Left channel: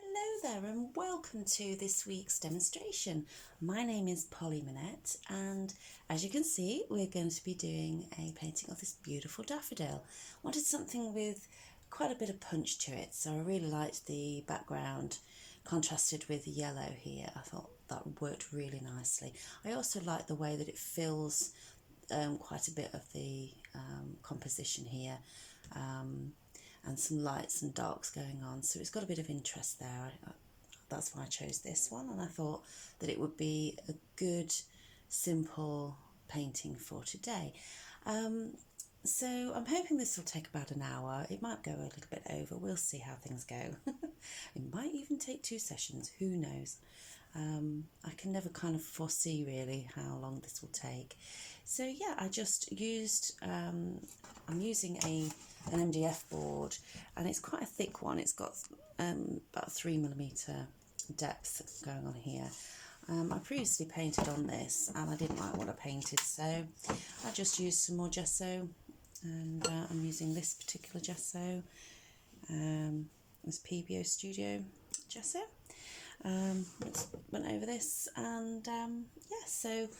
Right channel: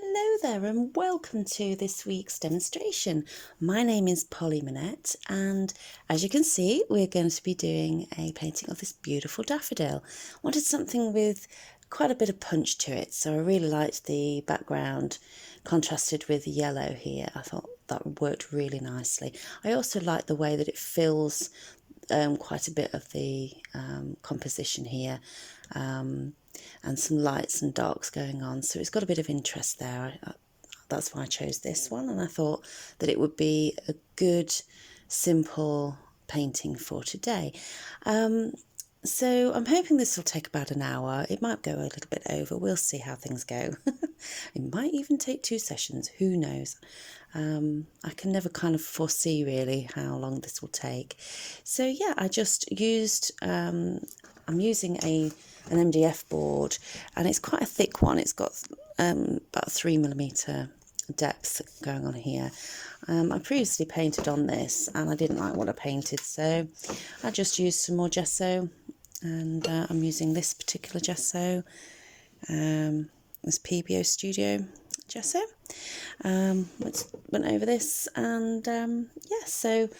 Hello there and welcome to this week's demonstration. My name is Polly Minette and as you can see we're going to be doing a painting of this beautiful daffodil. Wanted something with quite a bit of punch to it, so I really liked the background contrasted with yellow here. I thought that worked really nicely. I also like the way that it fills quite a bit of the composition here. And some lights and darks going on, so it's got a bit of interest there. That's why I chose this one, and I thought that it would be a good simple painting for today. So I'm hoping this will take about an hour. It might go a little bit over, we'll see how things go. It might even take 2 sessions, who knows. I can never kind of foresee really how long this will take. So yeah, I just used, I'm using an MDF board, and it's quite a thick one. It's got about 3mm depth going on here. I previously painted on this and I didn't like what I painted, so I just used some more gesso, and I'm using this particular gesso, this PBO Studio gesso. Went over this, and yeah, so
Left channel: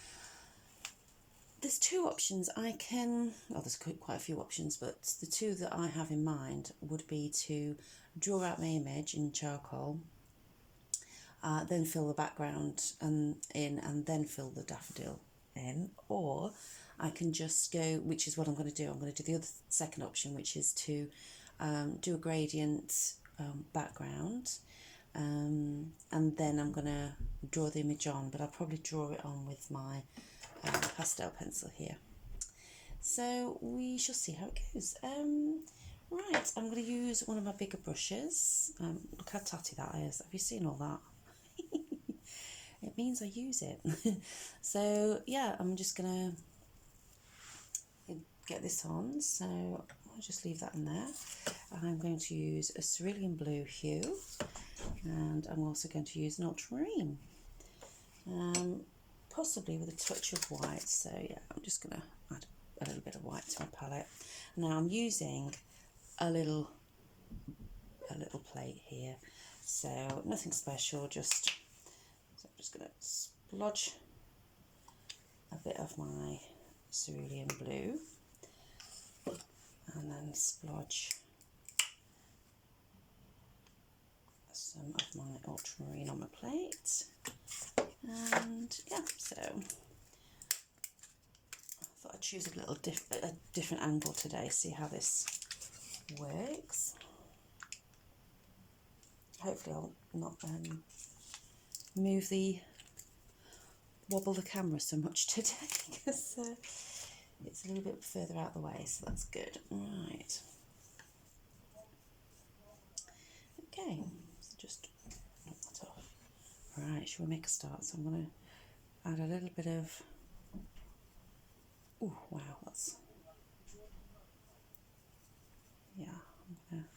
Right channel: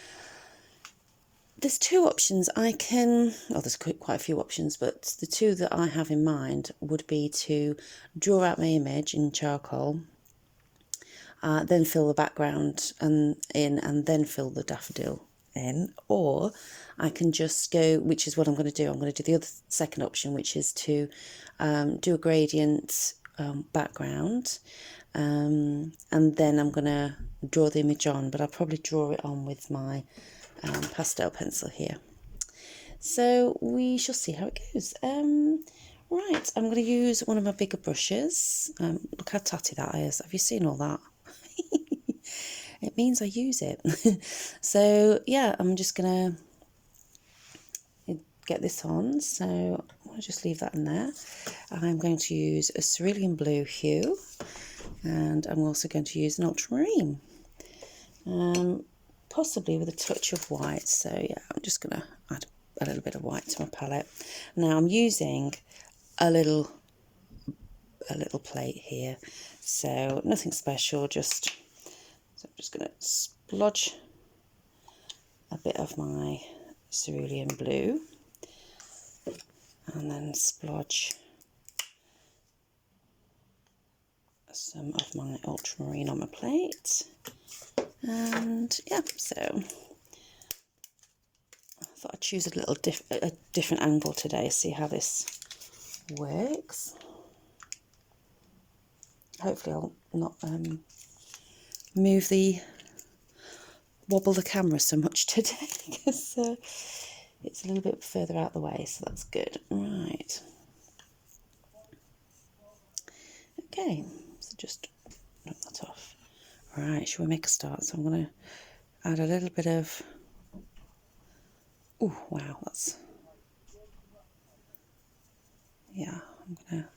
there's 2 options I can, well, there's quite a few options, but the 2 that I have in mind would be to draw out my image in charcoal, then fill the background in, and then fill the daffodil in, or I can just go, which is what I'm going to do. I'm going to do the other second option, which is to do a gradient background, and then I'm going to draw the image on, but I'll probably draw it on with my pastel pencil here. So we shall see how it goes. Right, I'm going to use one of my bigger brushes. Look how tatty that is. Have you seen all that? It means I use it. So yeah, I'm just going to get this on. So I'll just leave that in there. I'm going to use a cerulean blue hue, and I'm also going to use an ultramarine. Possibly with a touch of white. So yeah, I'm just going to add a little bit of white to my palette. Now I'm using a little plate here, so nothing special, so I'm just going to splodge a bit of my cerulean blue and then splodge some of my ultramarine on my plate. And yeah, so I thought I'd choose a different angle today, see how this works. Hopefully I'll not wobble the camera so much today, because it's a little bit further out the way, so that's good. Right. Okay, so just knock that off. Right, shall we make a start? So I'm going to add a little bit of, oh wow, that's, yeah, I'm going to,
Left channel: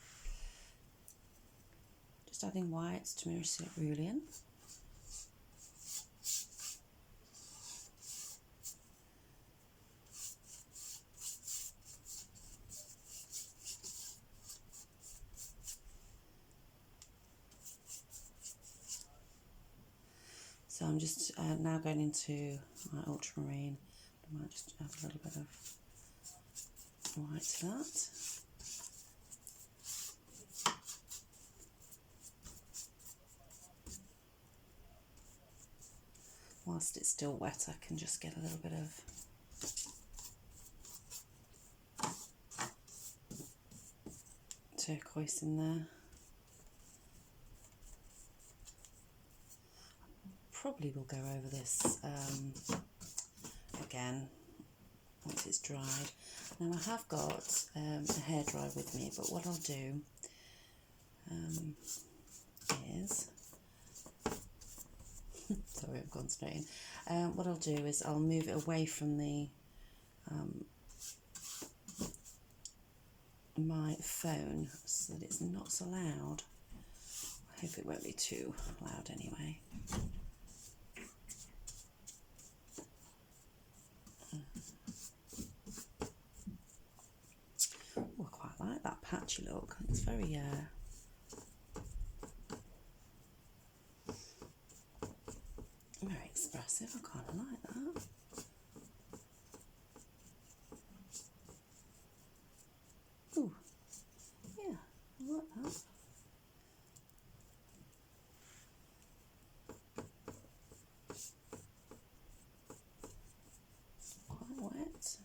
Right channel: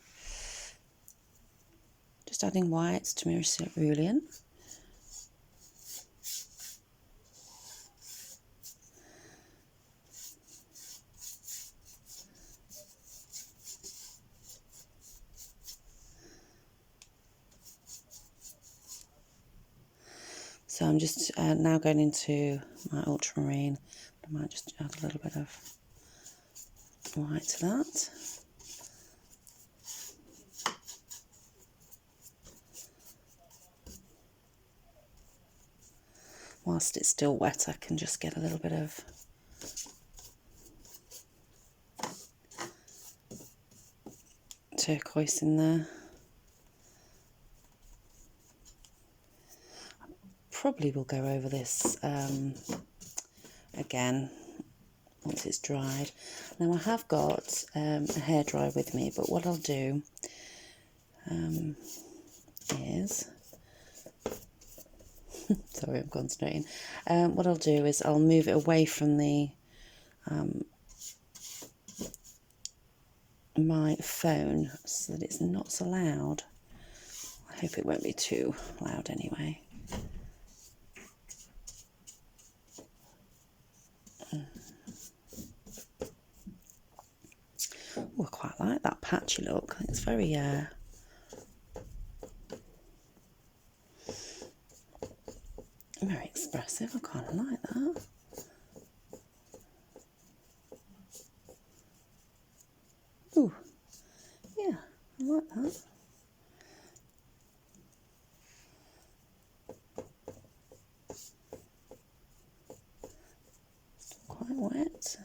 just adding whites to my cerulean. So I'm just now going into my ultramarine. I might just add a little bit of white to that. Whilst it's still wet, I can just get a little bit of turquoise in there. Probably will go over this again once it's dried. Now I have got a hairdryer with me, but what I'll do is sorry, I'm concentrating. What I'll do is I'll move it away from the my phone so that it's not so loud. I hope it won't be too loud anyway. Oh, I quite like that patchy look. It's very Very expressive, I kind of like that. Ooh, yeah, I like that. Quite wet.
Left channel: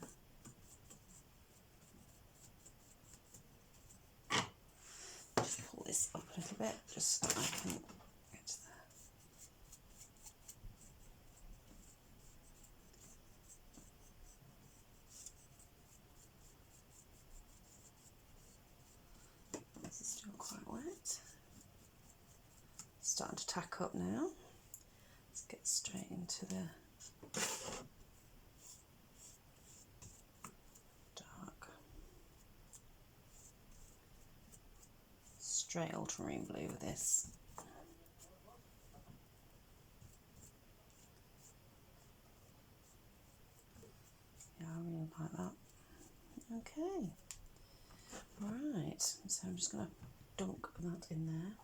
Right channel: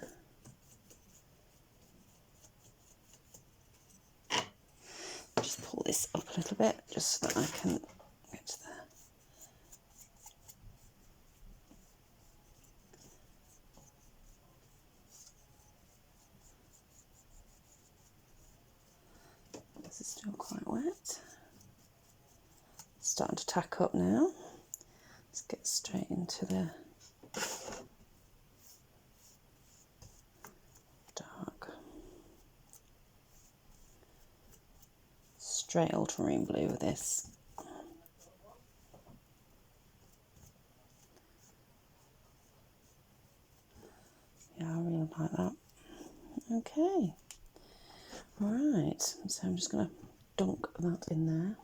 Just pull this up a little bit, just so that I can get to there. This is still quite wet. It's starting to tack up now. Let's get straight into the dark. Straight ultramarine blue with this. Yeah, I really like that. Okay. Right, so I'm just going to dunk that in there.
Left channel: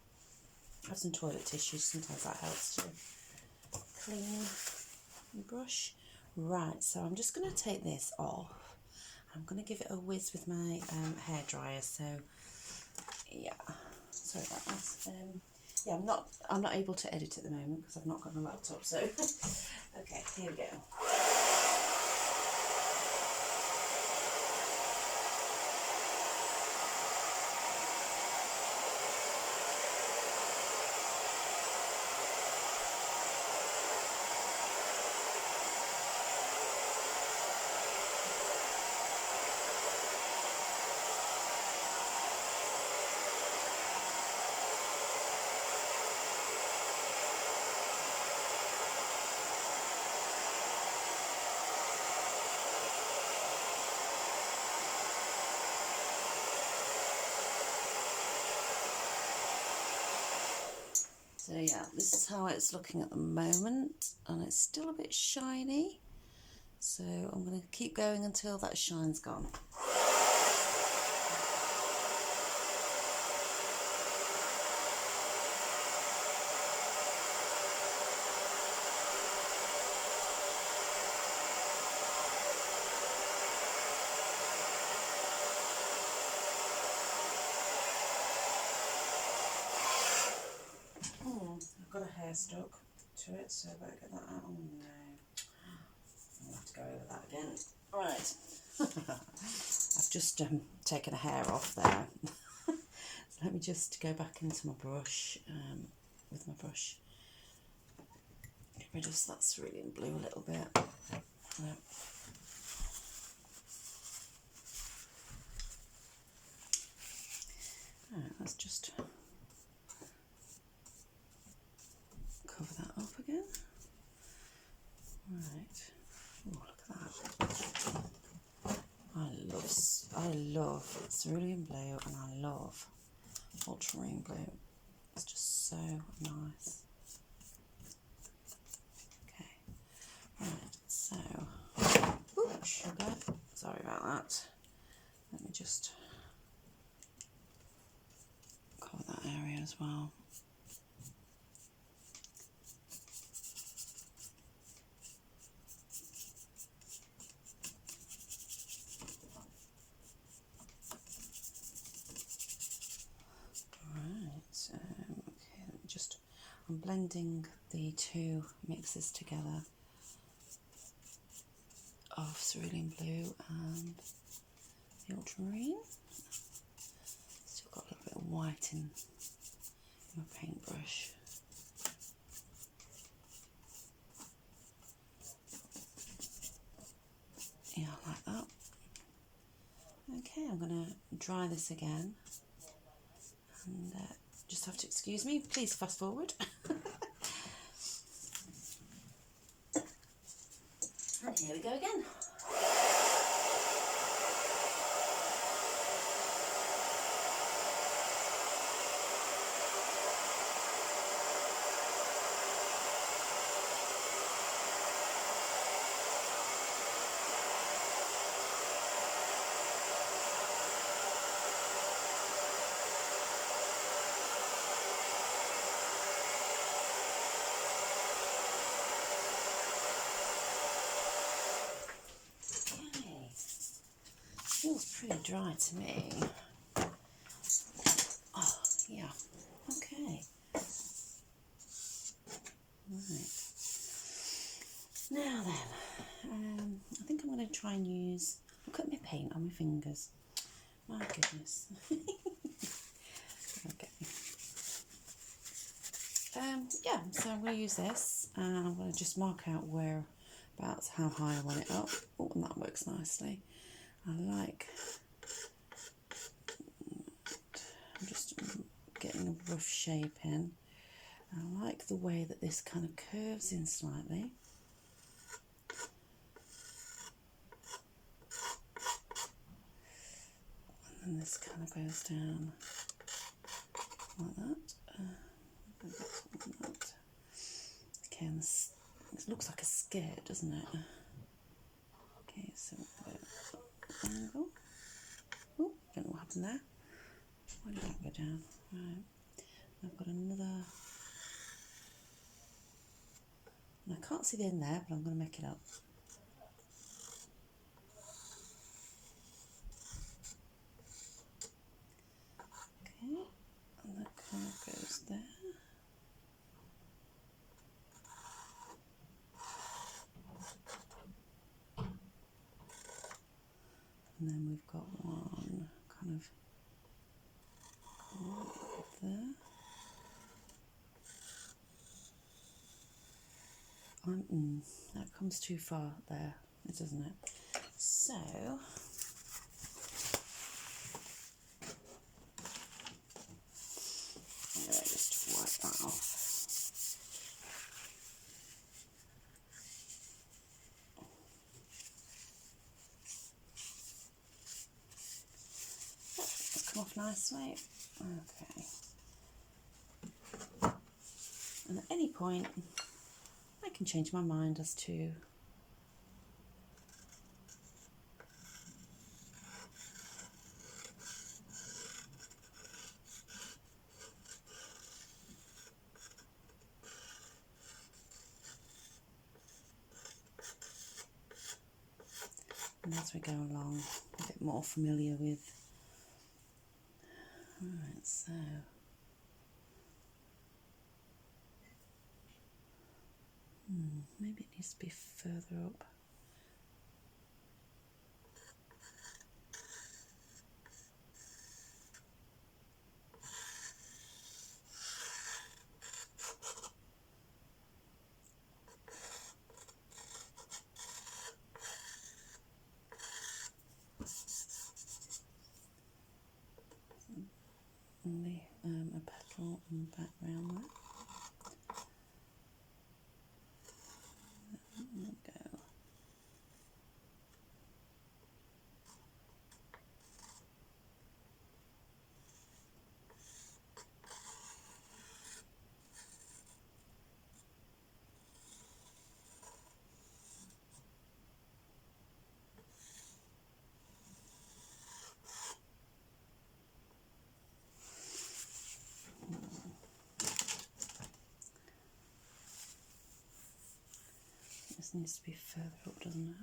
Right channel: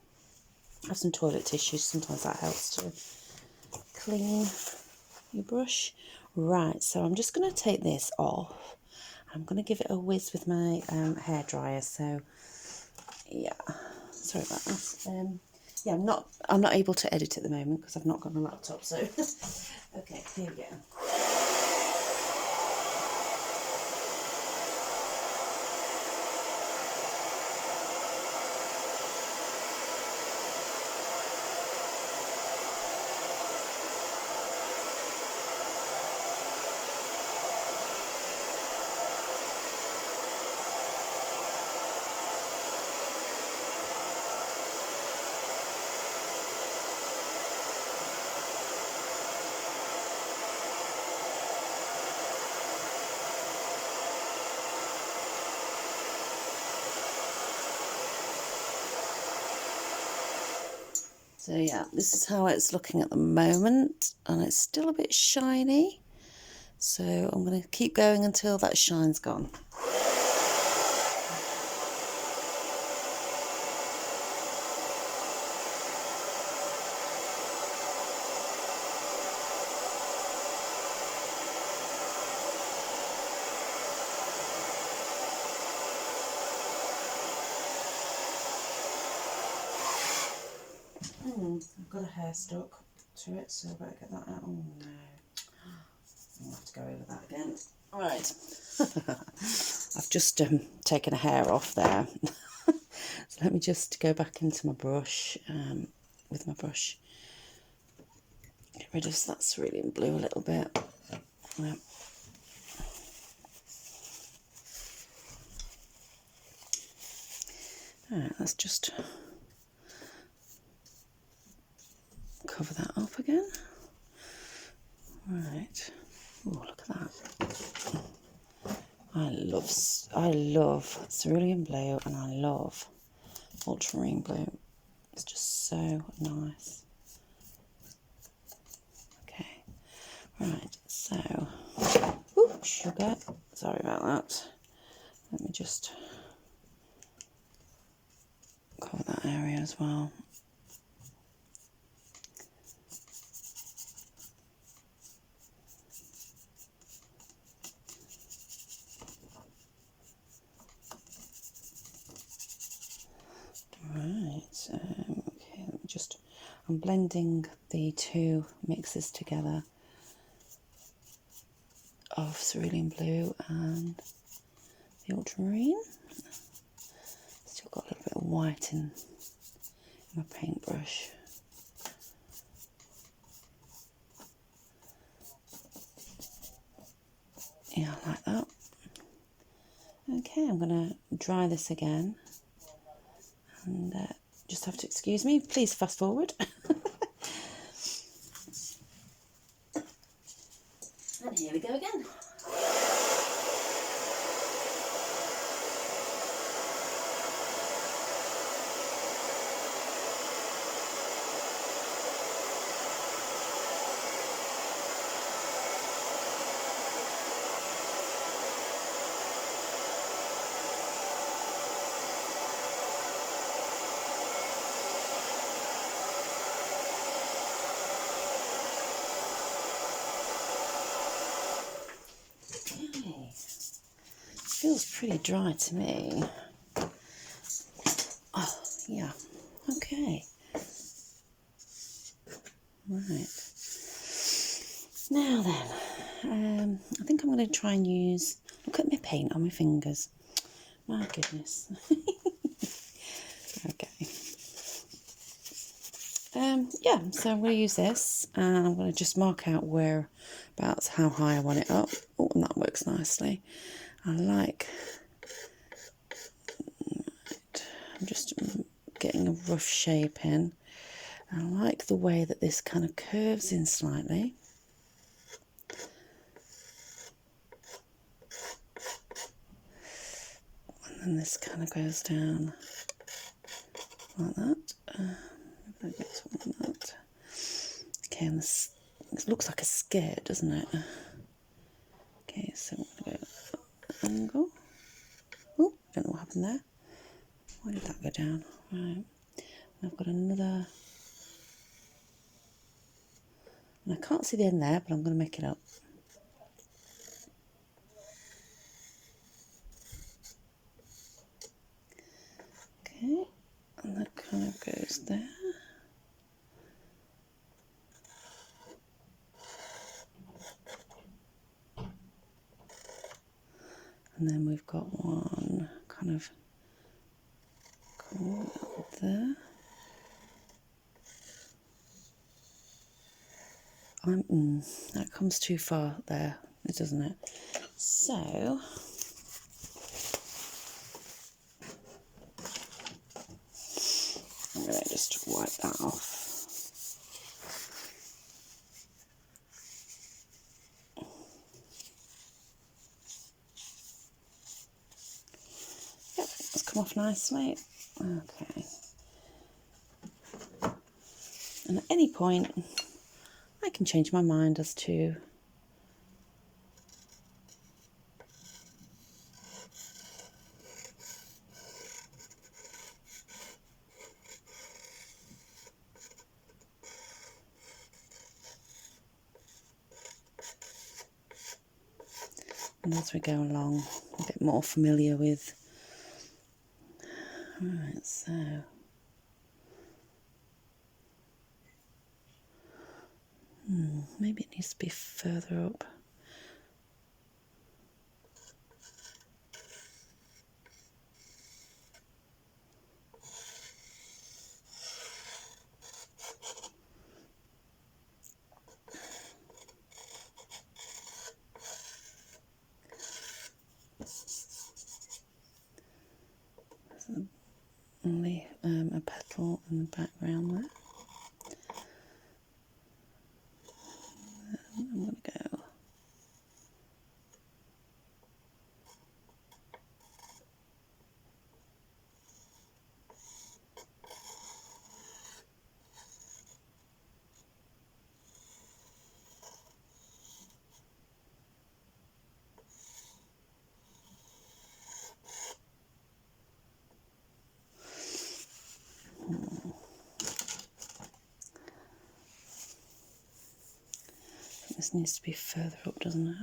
Have some toilet tissue, sometimes that helps to clean your brush. Right, so I'm just going to take this off. I'm going to give it a whiz with my hairdryer. So yeah, sorry about that. Yeah, I'm not able to edit at the moment because I've not got my laptop. So okay, here we go. So yeah, this is how it's looking at the moment, and it's still a bit shiny. So I'm going to keep going until that shine's gone. I've got a hair stuck to it, so I better get that out. Oh no, I'll have to go over that again. Right, I've just taken a hair off there. So let me just go back into my brush, with my brush. Get rid of that cerulean blue a little bit. Yep. Alright, let's just cover that up again. Right. Oh, look at that. I love cerulean blue, and I love ultramarine blue. It's just so nice. Okay. Right. So, ooh, sugar. Sorry about that. Let me just cover that area as well. Right, okay, let me just, I'm blending the two mixes together of cerulean blue and the ultramarine. Still got a little bit of white in my paintbrush. Yeah, I like that. Okay, I'm going to dry this again, and just have to excuse me, please fast forward. And here we go again. pretty dry to me. Oh, yeah. Okay. Right. Now then, I think I'm going to try and use... Look at my paint on my fingers. My goodness. Okay. Yeah, so I'm going to use this, and I'm going to just mark out whereabouts how high I want it up. Oh, and that works nicely. I like... I'm just getting a rough shape in. I like the way that this kind of curves in slightly. And then this kind of goes down like that. Like that. Okay, and this looks like a skirt, doesn't it? Okay, so I'm going to go angle. Oh, I don't know what happened there. Why did that go down? Right. I've got another. And I can't see the end there, but I'm going to make it up. Okay, and that kind of goes there. And then we've got one kind of there. That comes too far there, doesn't it? So I'm going to just wipe that off. Yep, that's come off nicely. Okay. And at any point, I can change my mind as to and as we go along, a bit more familiar with. Right, so maybe it needs to be further up. Only a petal in the background there. I'm going to go. This needs to be further up, doesn't it?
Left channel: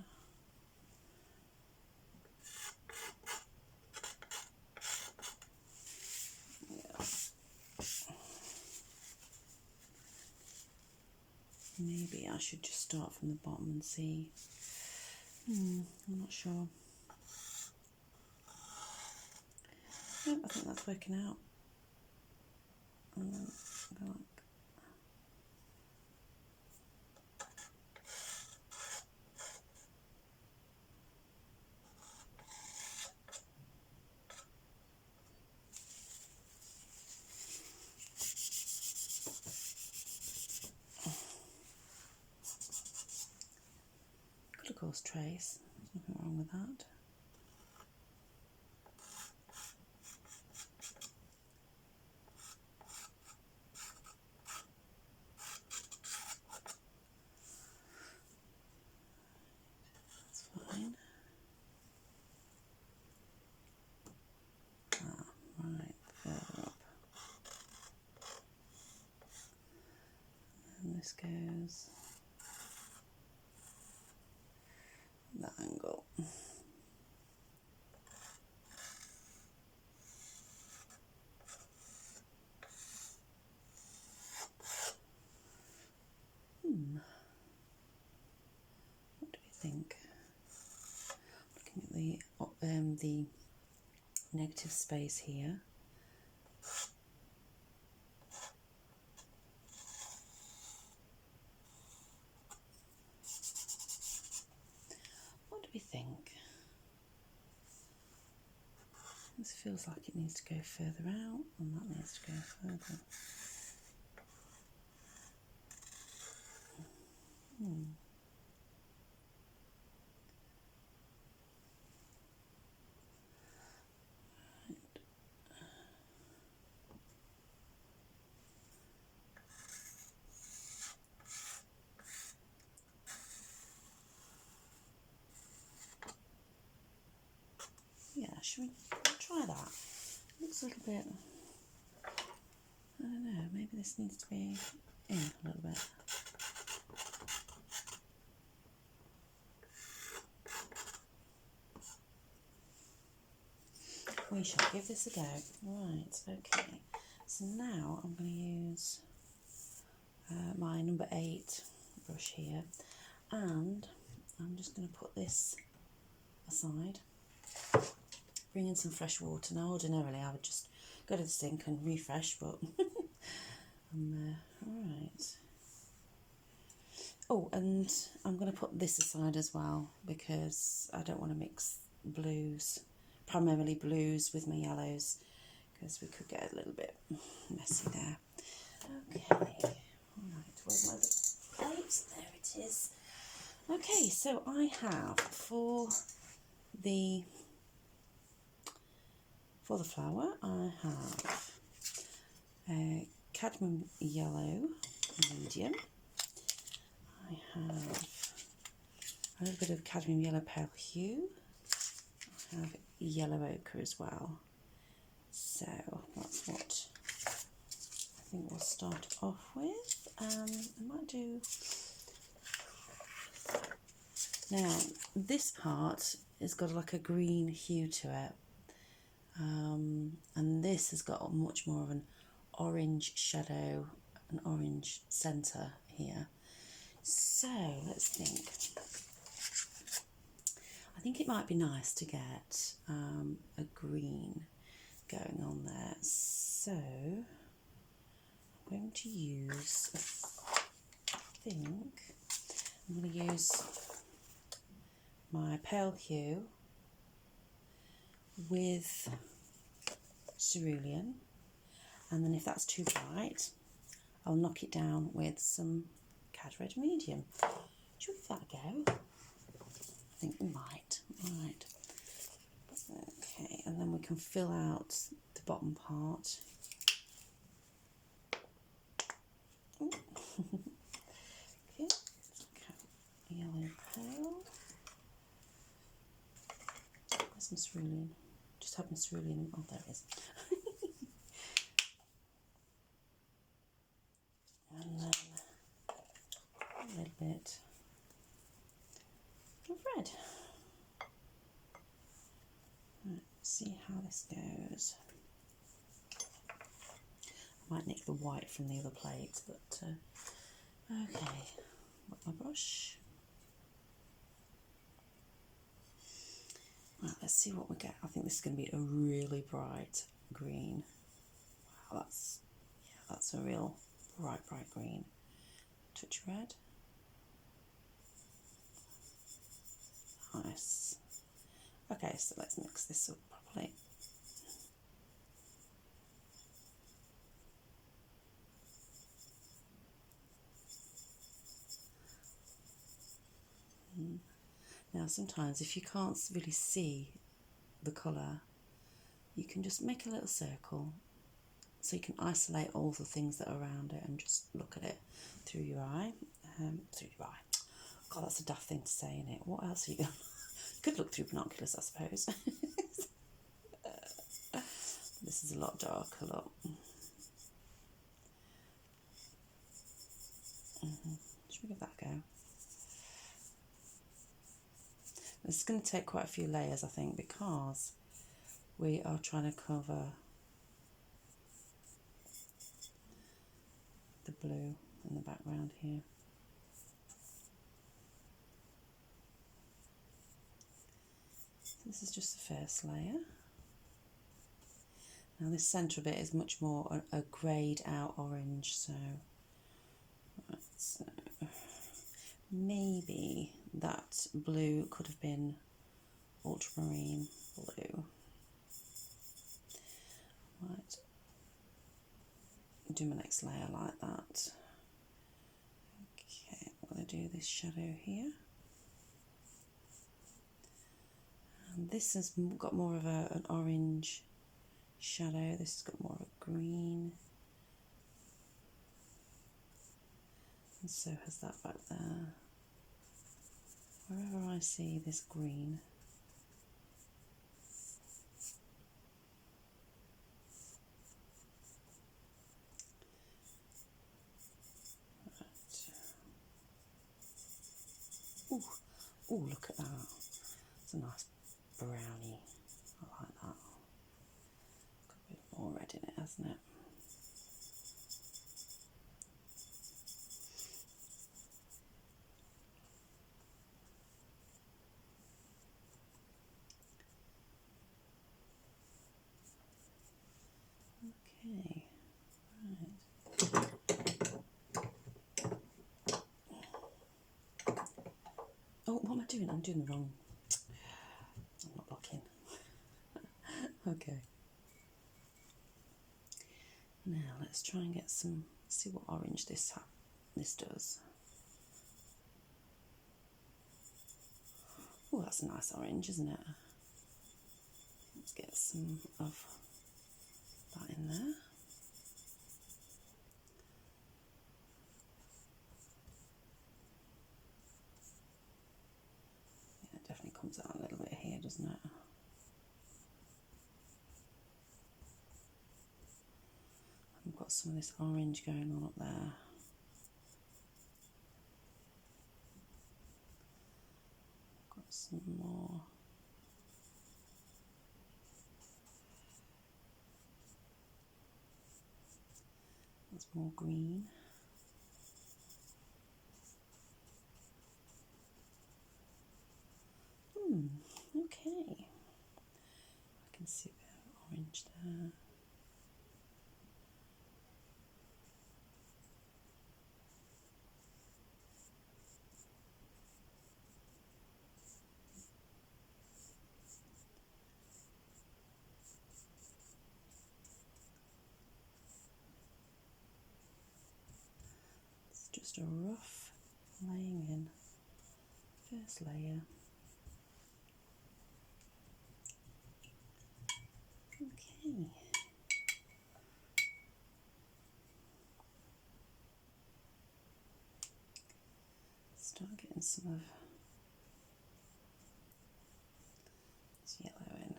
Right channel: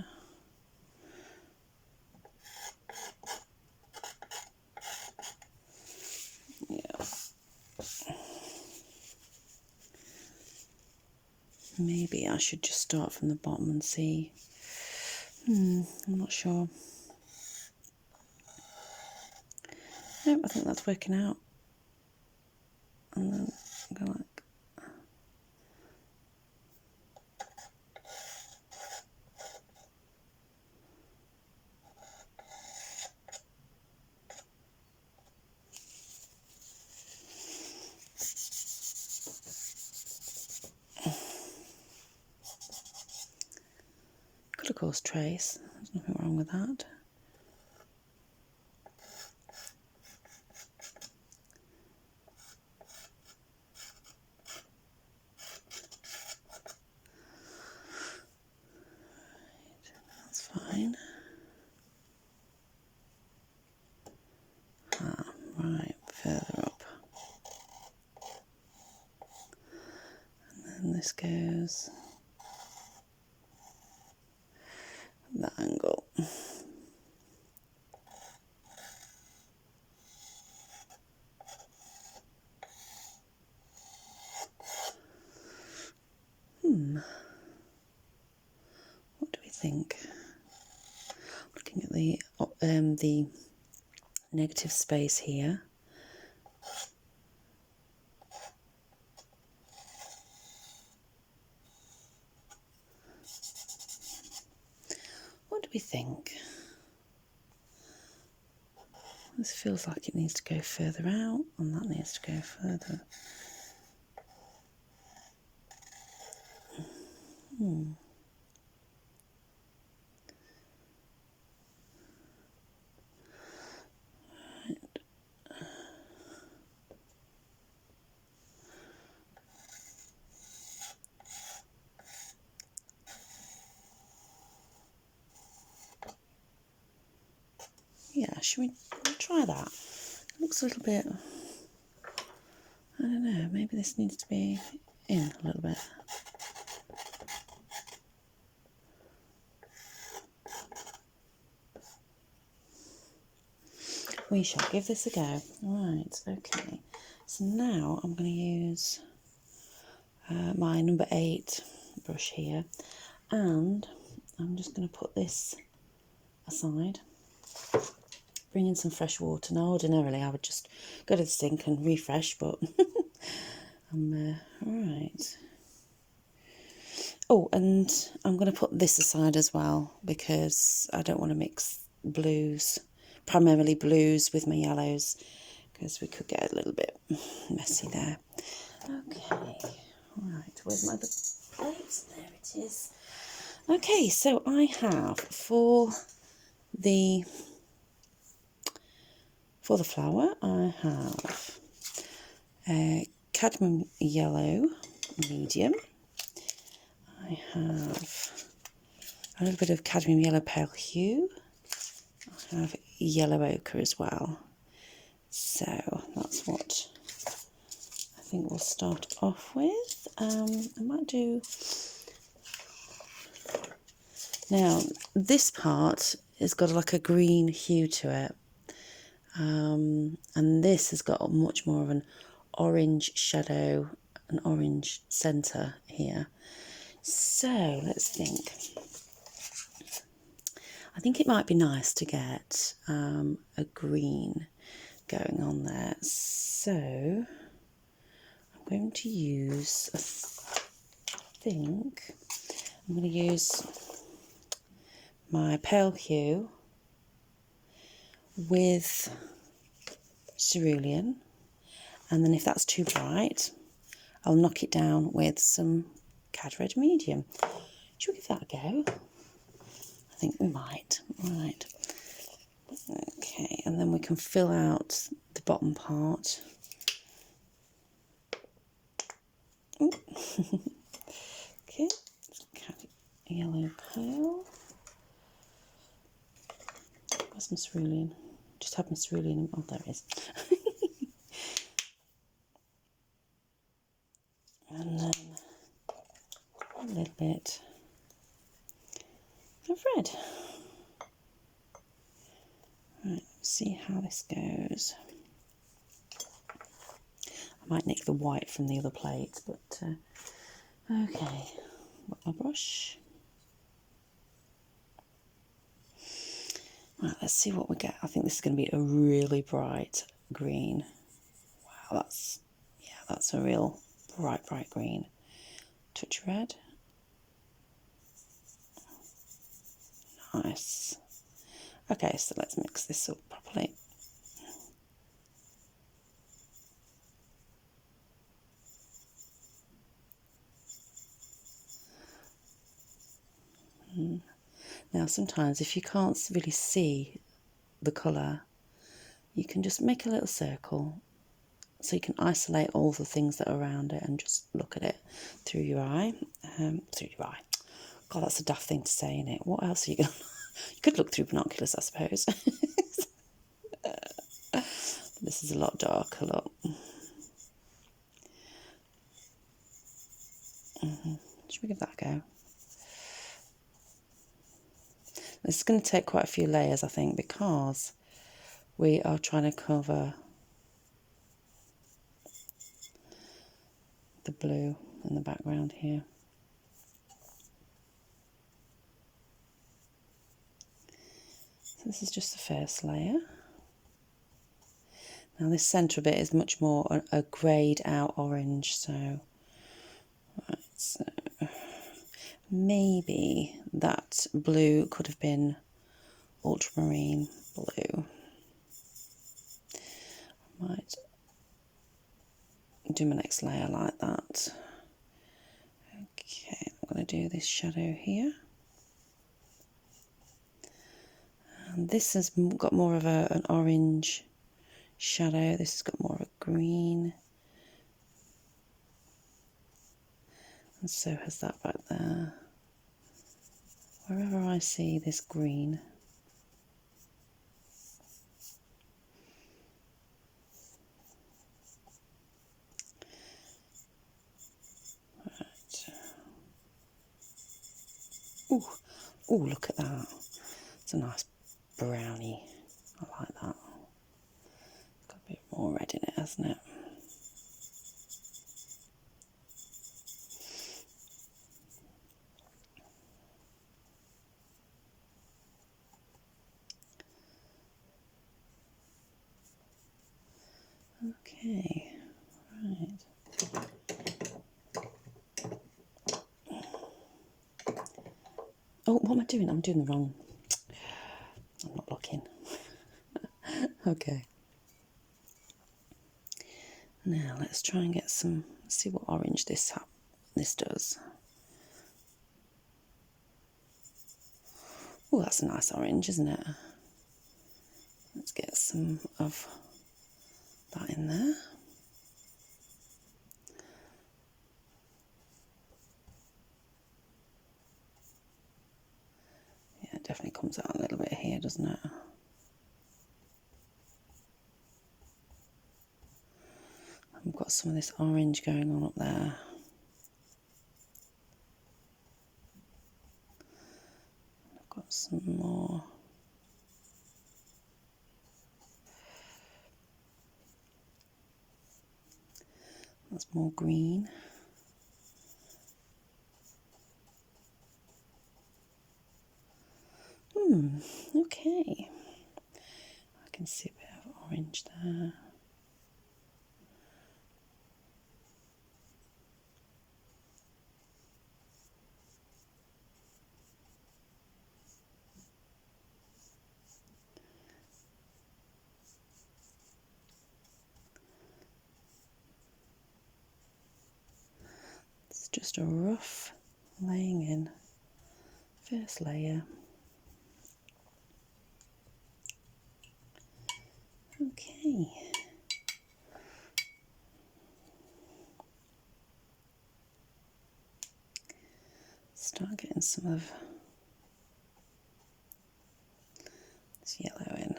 Yeah. Maybe I should just start from the bottom and see. I'm not sure. Nope, I think that's working out. And then go like. Could of course trace. There's nothing wrong with that. That's fine. Right, further up. And then this goes that angle. the negative space here. What do we think? This feels like it needs to go further out, and that needs to go further. Yeah, should we try that? It looks a little bit, I don't know, maybe this needs to be in a little bit. We shall give this a go. Right, okay. So now I'm going to use my number 8 brush here, and I'm just going to put this aside. Bring in some fresh water. Now, ordinarily I would just go to the sink and refresh, but right. Oh, and I'm going to put this aside as well, because I don't want to mix blues, primarily blues, with my yellows, because we could get a little bit messy there. Okay, right, where's my other plate? There it is. Okay, so I have for the flower, I have a cadmium yellow medium. I have a little bit of cadmium yellow pale hue. I have yellow ochre as well. So that's what I think we'll start off with. I might do... Now, this part has got like a green hue to it. And this has got much more of an orange shadow, an orange centre here. So let's think. I think it might be nice to get a green going on there. So I'm going to use, I'm going to use my pale hue with cerulean, and then if that's too bright, I'll knock it down with some Cad Red Medium. Should we give that a go? I think we might. Right. Okay, and then we can fill out the bottom part. Okay, yellow pale. Where's my cerulean? Just had my cerulean. Oh, there it is. And then a little bit of red. Right, let's see how this goes. I might nick the white from the other plate, but okay. Got my brush. Right, let's see what we get. I think this is going to be a really bright green. Wow, that's a real bright green. Touch red. Nice. Okay, so let's mix this up properly. Now sometimes if you can't really see the colour, you can just make a little circle so you can isolate all the things that are around it and just look at it through your eye. God, that's a daft thing to say, isn't it? What else are you going to... You could look through binoculars, I suppose. This is a lot darker, look. Should we give that a go? This is going to take quite a few layers, I think, because we are trying to cover the blue in the background here. So This is just the first layer. Now this centre bit is much more a greyed out orange, so, right, so maybe that blue could have been ultramarine blue. Might do my next layer like that. Okay, I'm going to do this shadow here. And this has got more of an orange shadow. This has got more of a green. And so has that back there. Wherever I see this green. Ooh, ooh, look at that. It's a nice brownie. I like that. Got a bit more red in it, hasn't it? Okay, right. Oh, what am I doing? I'm doing the wrong. I'm not looking. Okay. Now let's try and get some, see what orange this does. Oh, that's a nice orange, isn't it? Let's get some of that in there. Yeah, it definitely comes out a little bit here, doesn't it? I've got some of this orange going on up there. I've got some more. That's more green. Okay. I can see a bit of orange there. It's just a rough laying in. First layer. Okay. Start getting some of this yellow in.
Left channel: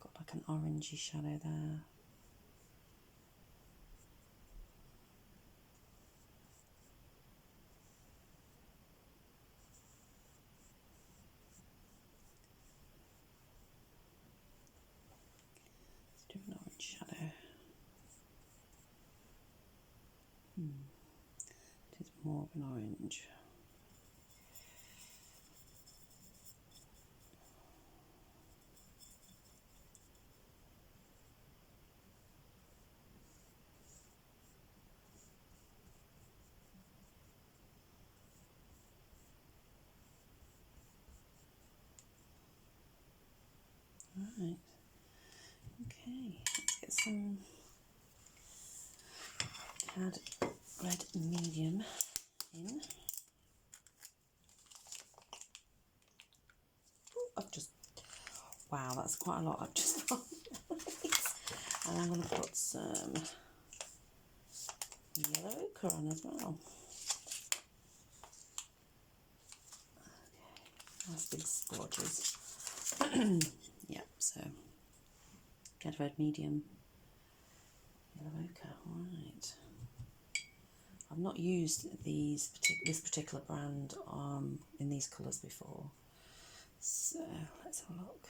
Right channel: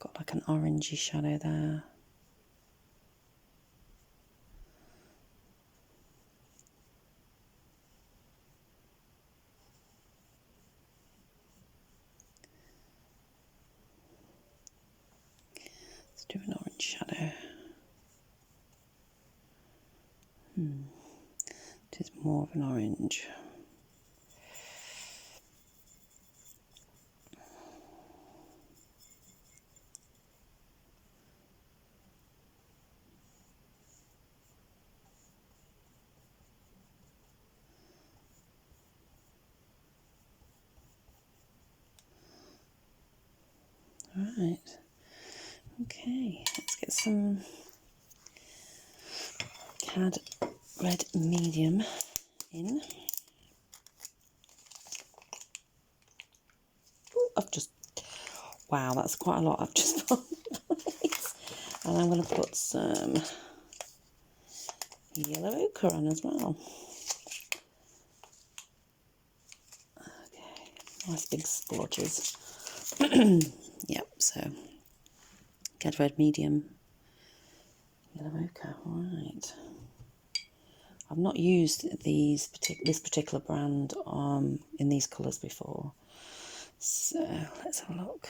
Got like an orangey shadow there. Let's do an orange shadow. It is more of an orange. Right. Okay, let's get some CAD red medium in. Ooh, wow, that's quite a lot I've just put. And I'm going to put some yellow ochre on as well. Okay, nice big splodges. Yep, so CAD red medium Yellow ochre, right. I've not used this particular brand in these colours before. So let's have a look.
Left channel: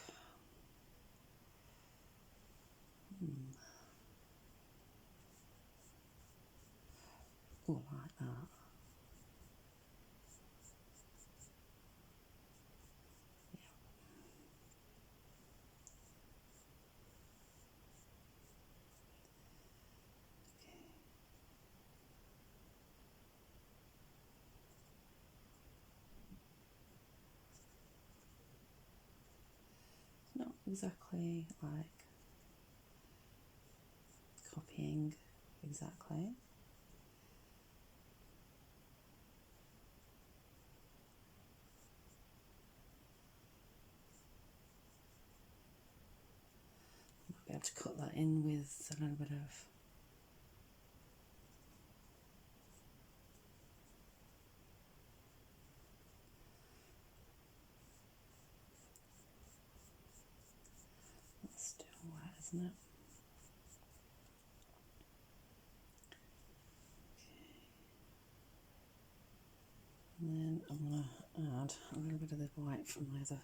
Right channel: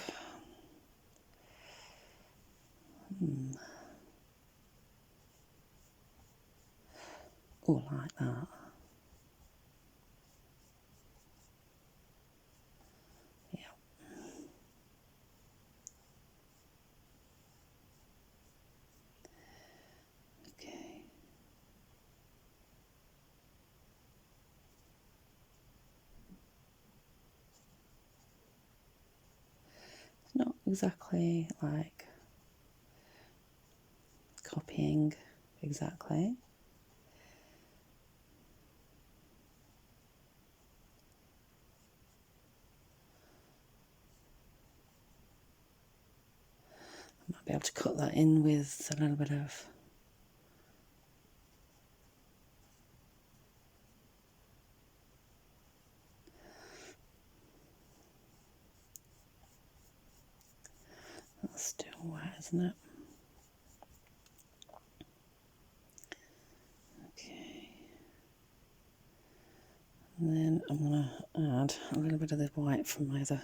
Oh, I like that. Yeah. Okay. It's not exactly like copying exactly. I might be able to cut that in with a little bit of that's still wet, isn't it? Okay. And then I'm going to add a little bit of the white from either.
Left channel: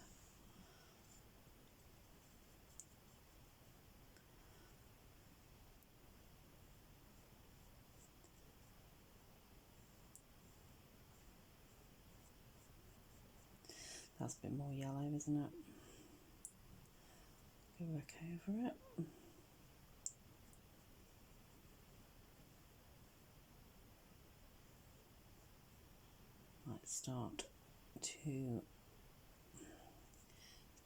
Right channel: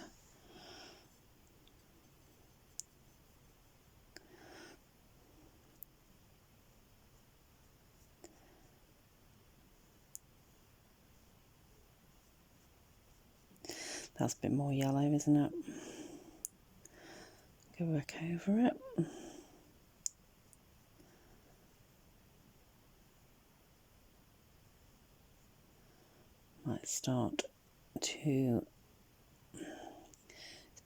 That's a bit more yellow, isn't it? Go back over it. Might start to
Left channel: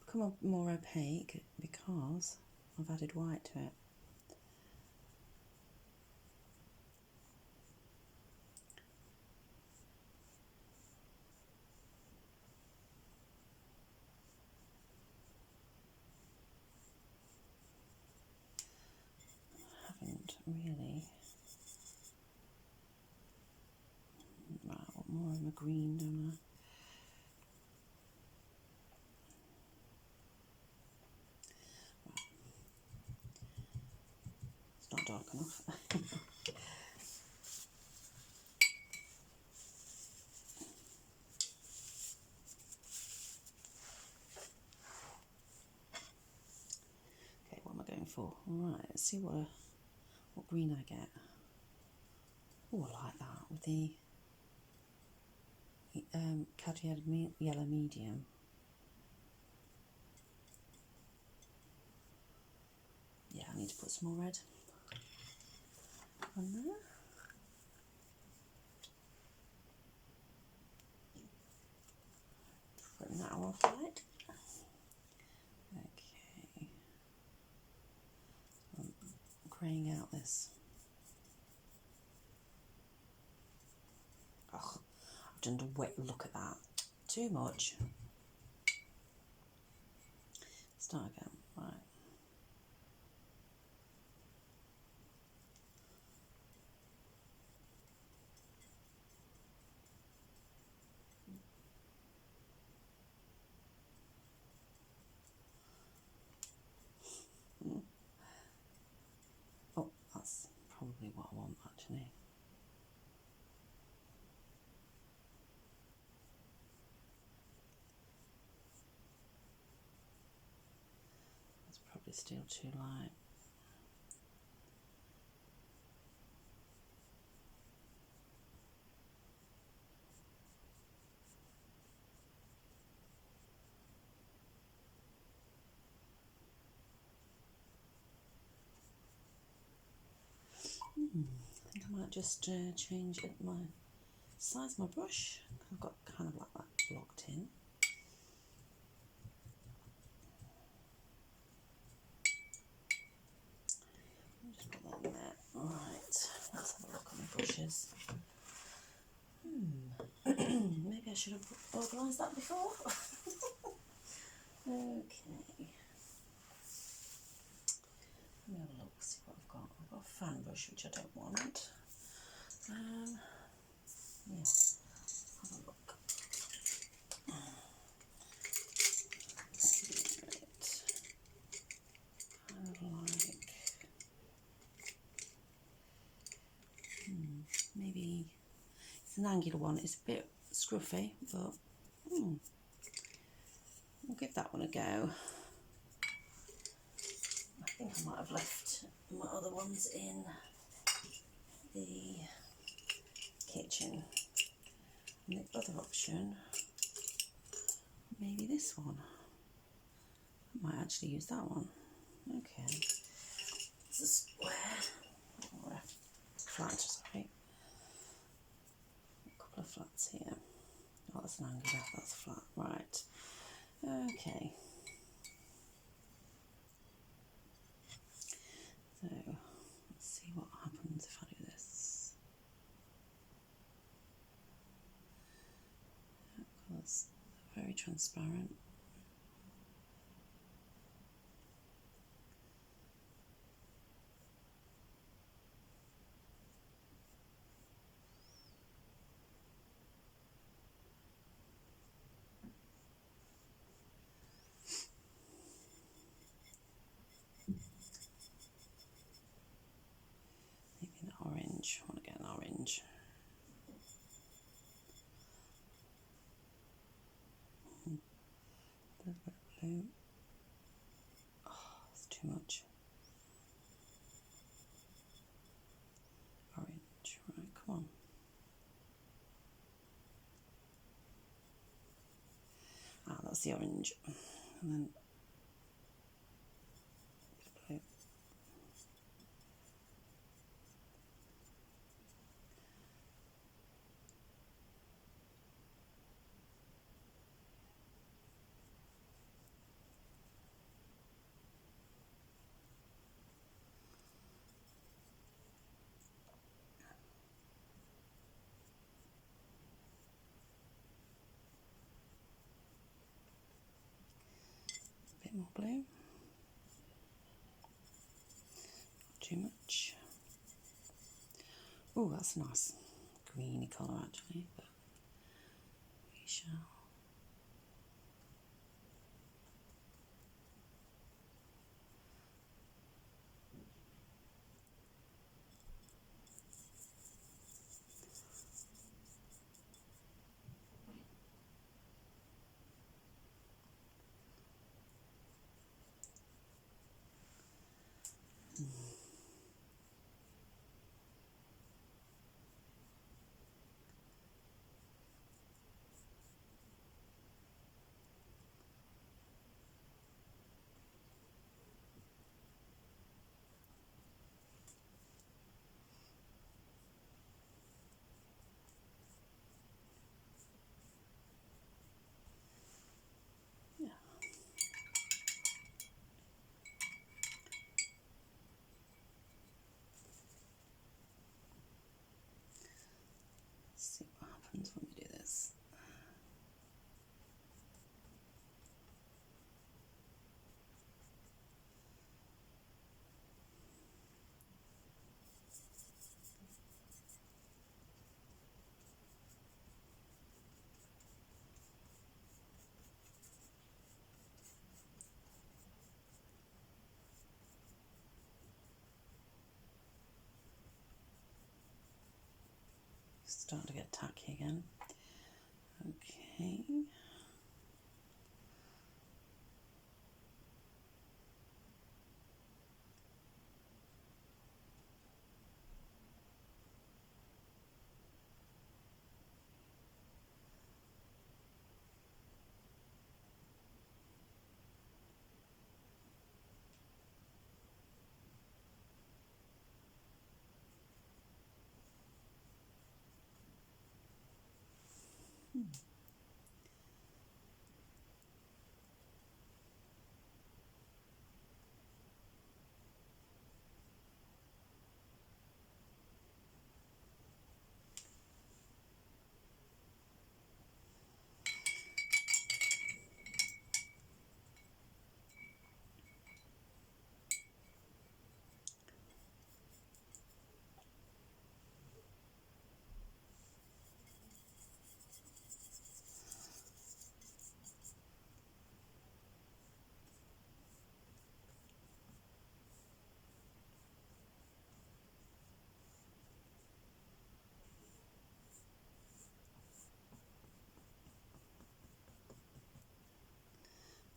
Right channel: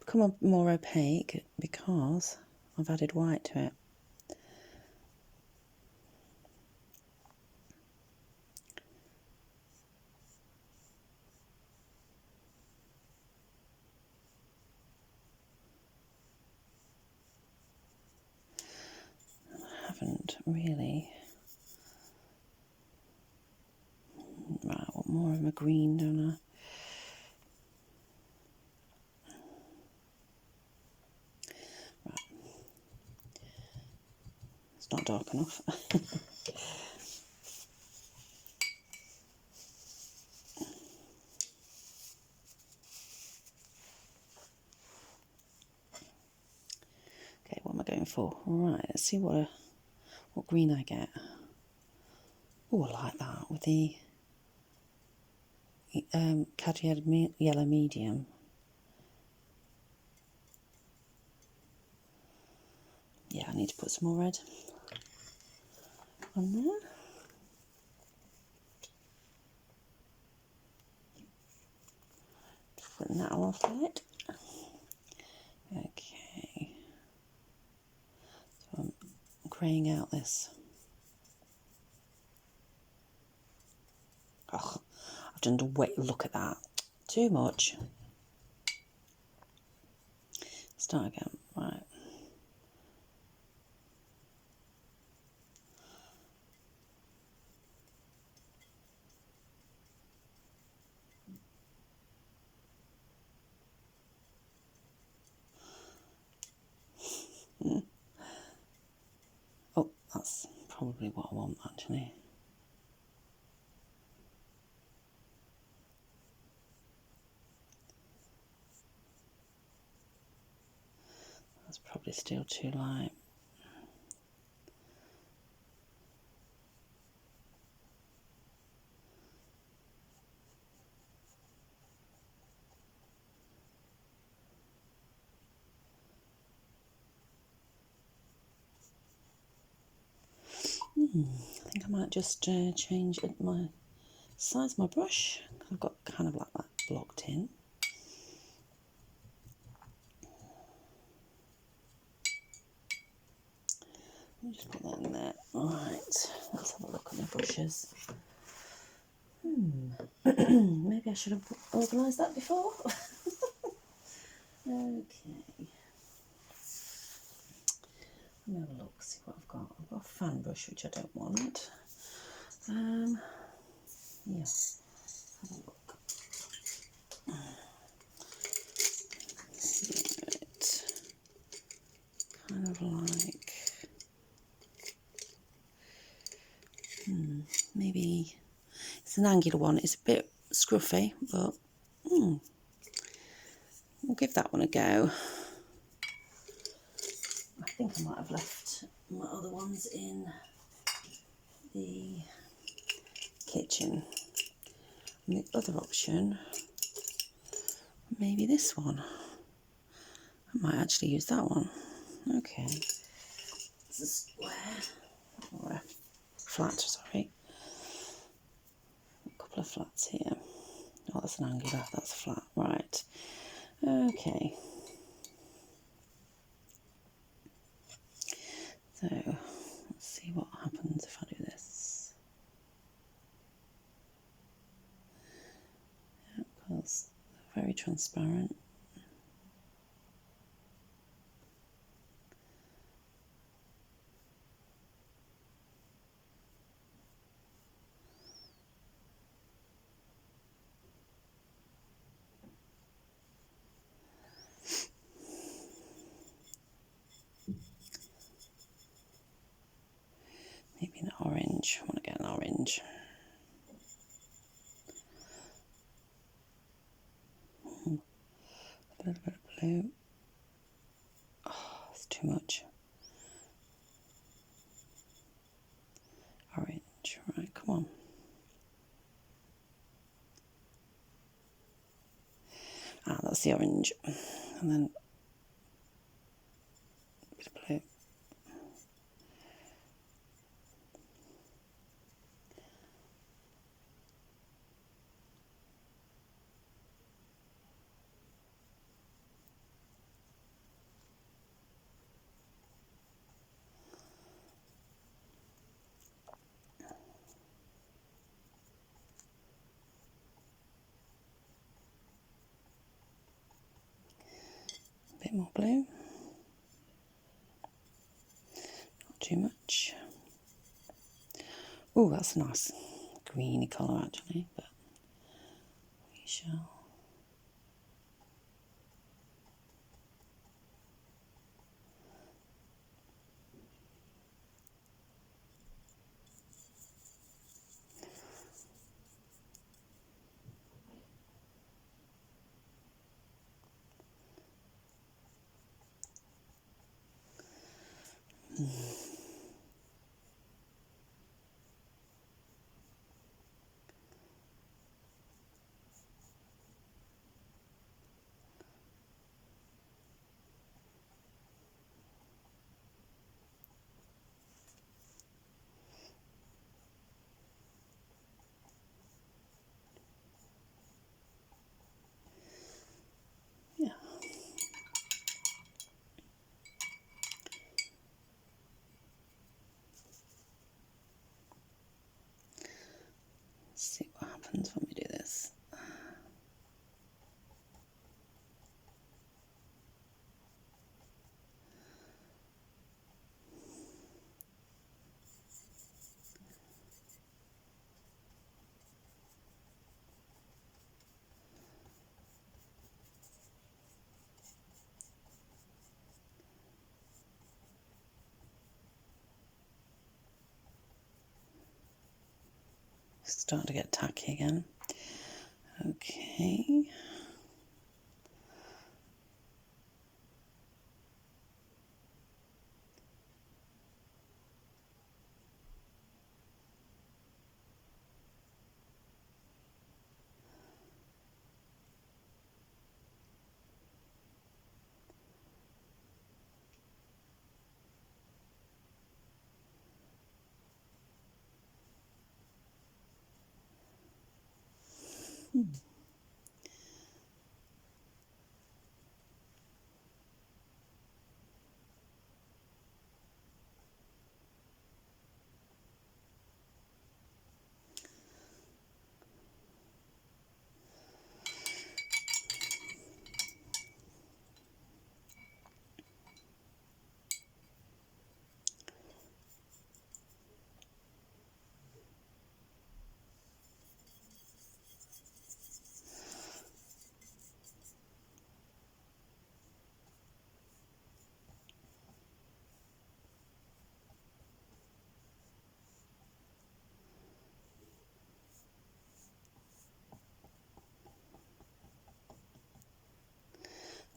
become more opaque because I've added white to it. I haven't really. Right, I want more of my green, don't I? Right. It's not dark enough. Okay, what am I going for? Right, let's see what green I get. Oh, I like that with the cadmium yellow medium. Yeah, I need to put some more red on there. Just putting that off light. Okay. So I'm greying out this. Oh, I've done a wet look at that. Too much. Start again. Right. Oh, that's probably what I want actually. That's probably still too light. I think I might just change my size of my brush. I've got kind of like that blocked in. Just put that in there. Right, let's have a look at my brushes. Maybe I should have organised that before. Okay. Let me have a look, see what I've got. I've got a fan brush, which I don't want. Yeah, have a look. Right. Kind of like It's an angular one. It's a bit scruffy, but we'll give that one a go. I think I might have left my other ones in the kitchen. And the other option, maybe this one. I might actually use that one. Okay. It's a square, or a flat, sorry. A couple of flats here. Oh, that's an angular, that's flat, right. Okay. So, let's see what happens if I do this. Yeah, because they're very transparent. Maybe an orange. I want to get an orange. A little bit of blue. Oh, it's too much. Orange. Right, come on. Ah, that's the orange. And then a bit of blue. A bit more blue. Not too much. Oh, that's a nice greeny colour actually, but we shall. Yeah. Let's see what happens when we do this. Starting to get tacky again. Okay.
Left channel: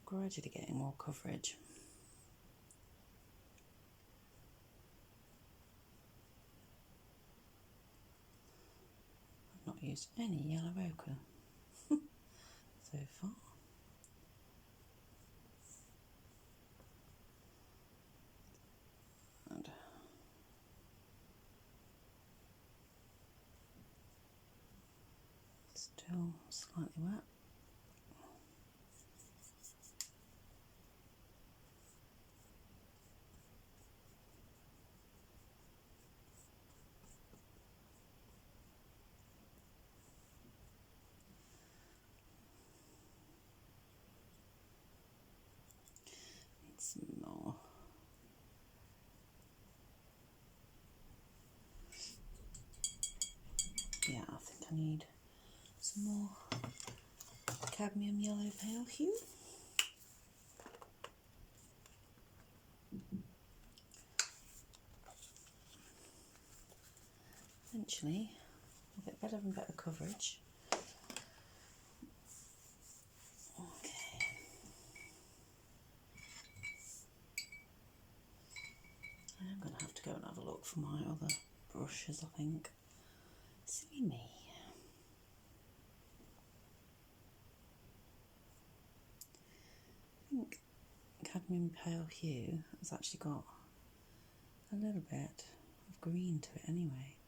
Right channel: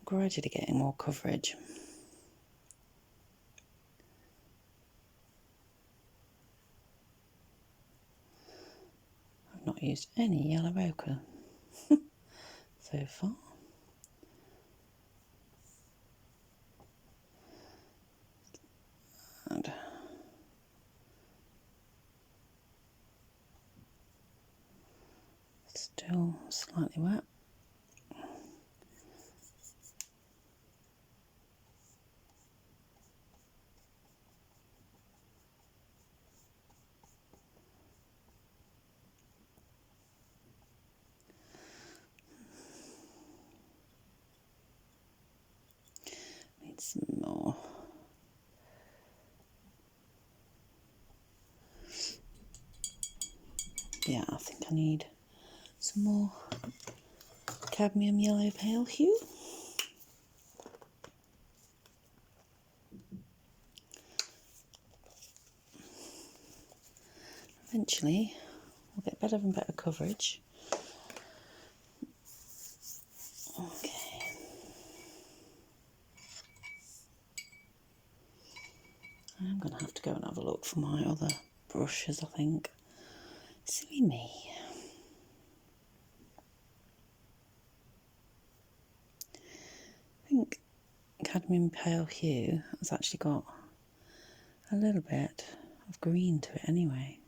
gradually getting more coverage. I've not used any yellow ochre so far. And still slightly wet. Need some more. Yeah, I think I need some more cadmium yellow pale hue. Eventually I'll get better and better coverage. Okay. I'm going to have to go and have a look for my other brushes, I think. Silly me. I think cadmium pale hue has actually got a little bit of green to it anyway.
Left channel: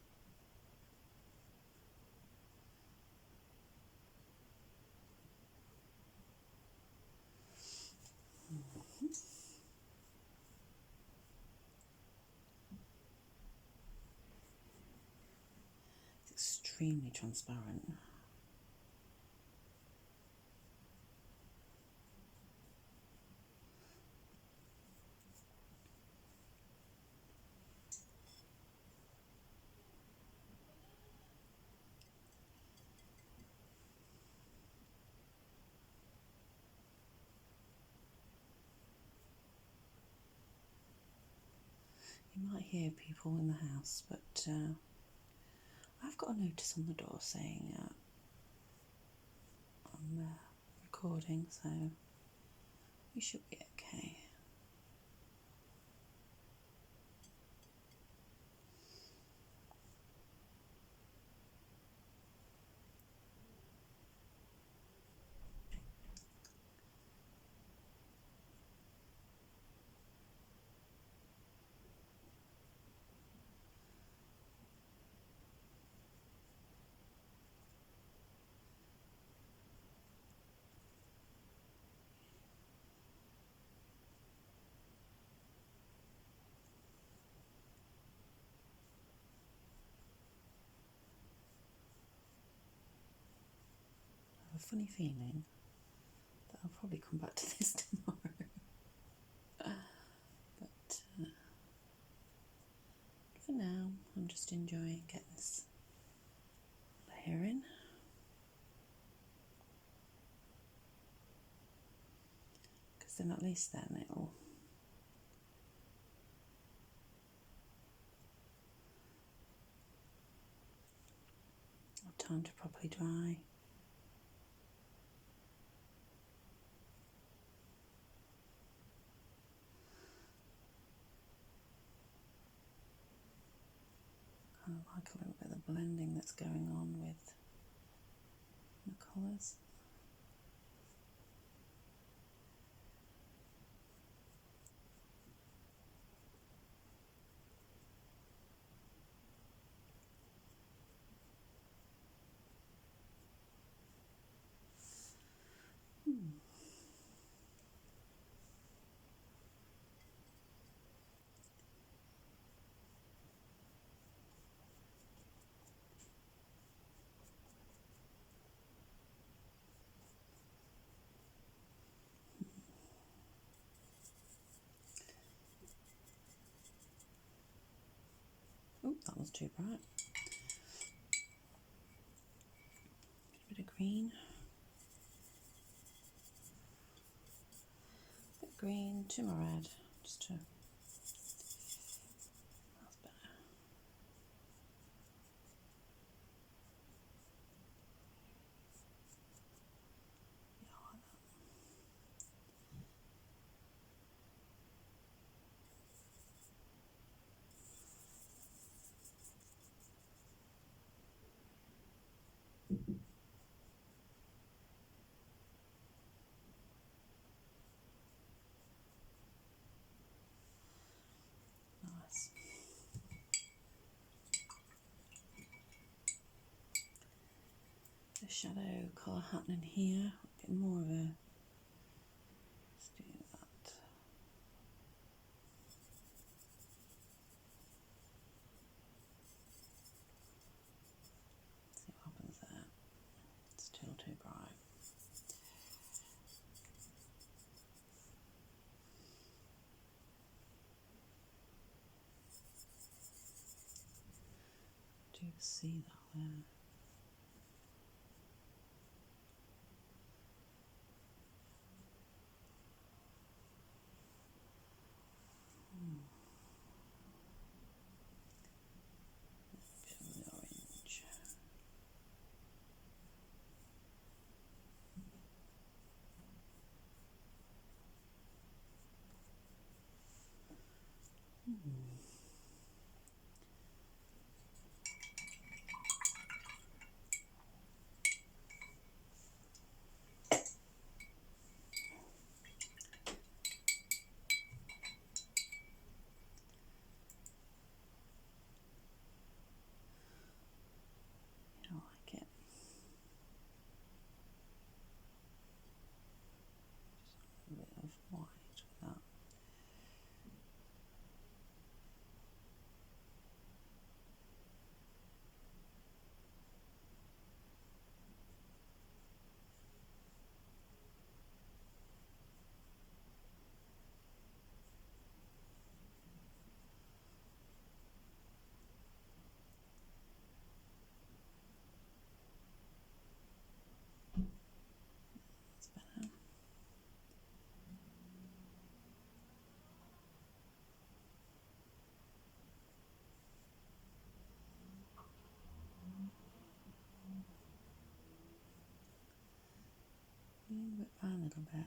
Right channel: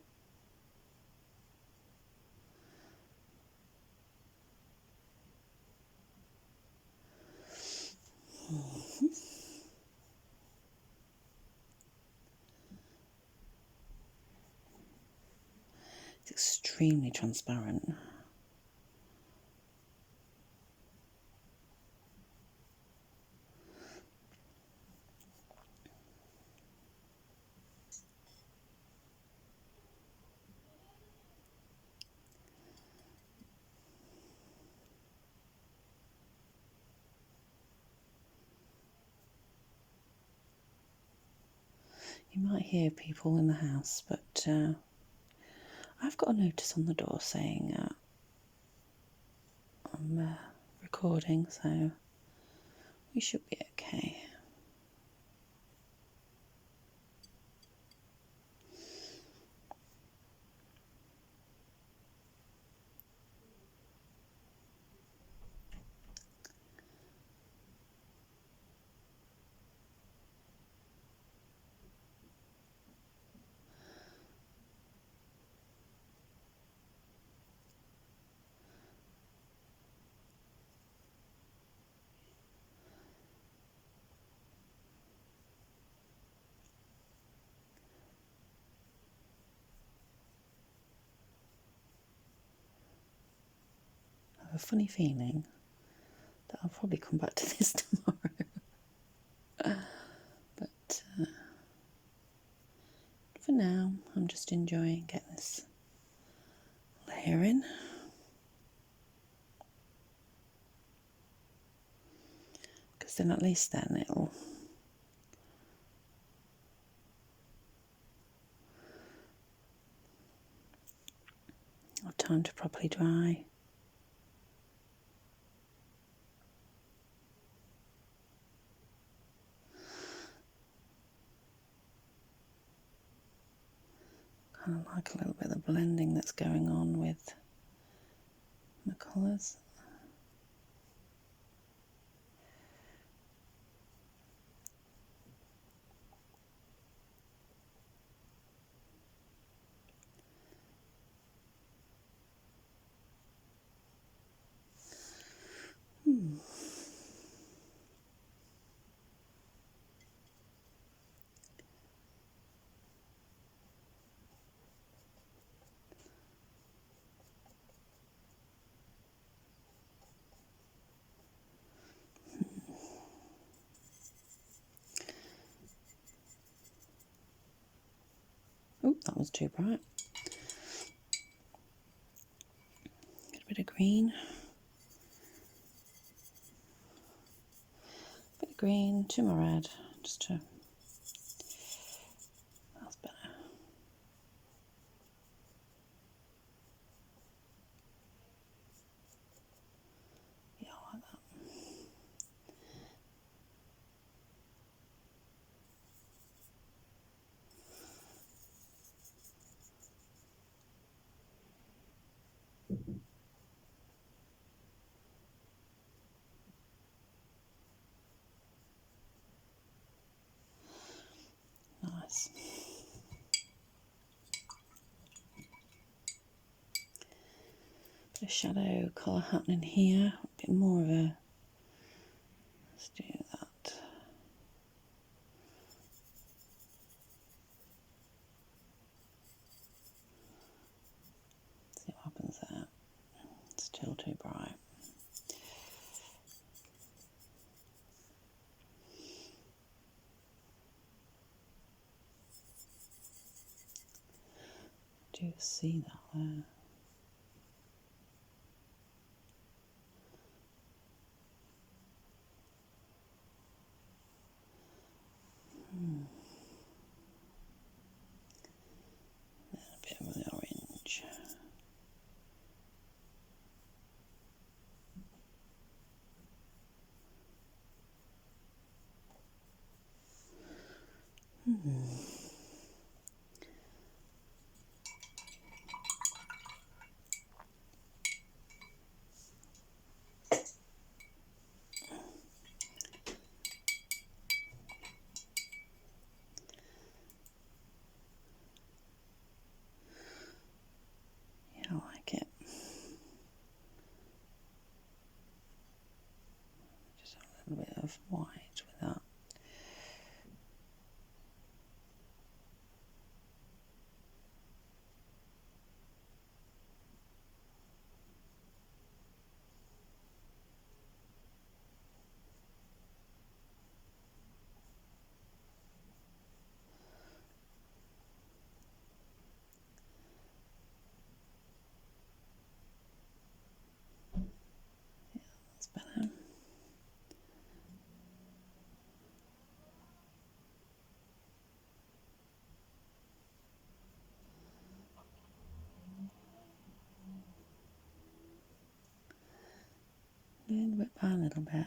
It's extremely transparent. You might hear people in the house, but I've got a notice on the door saying I'm recording, so we should be okay. I have a funny feeling that I'll probably come back to this tomorrow. But for now, I'm just enjoying getting this layer in. Because then at least then it'll have time to properly dry. Kind of like a little bit of the blending that's going on with the colours. Oh, that was too bright. Get a bit of green. Bit of green, too more red, just to... That's better. Yeah, I like that. A shadow colour happening here, a bit more of a, let's do that. See what happens there. Still too bright. Do you see that there? A bit of the orange. Yeah, I like it. Just a little bit of white with that. That's better. A little bit by a little bit.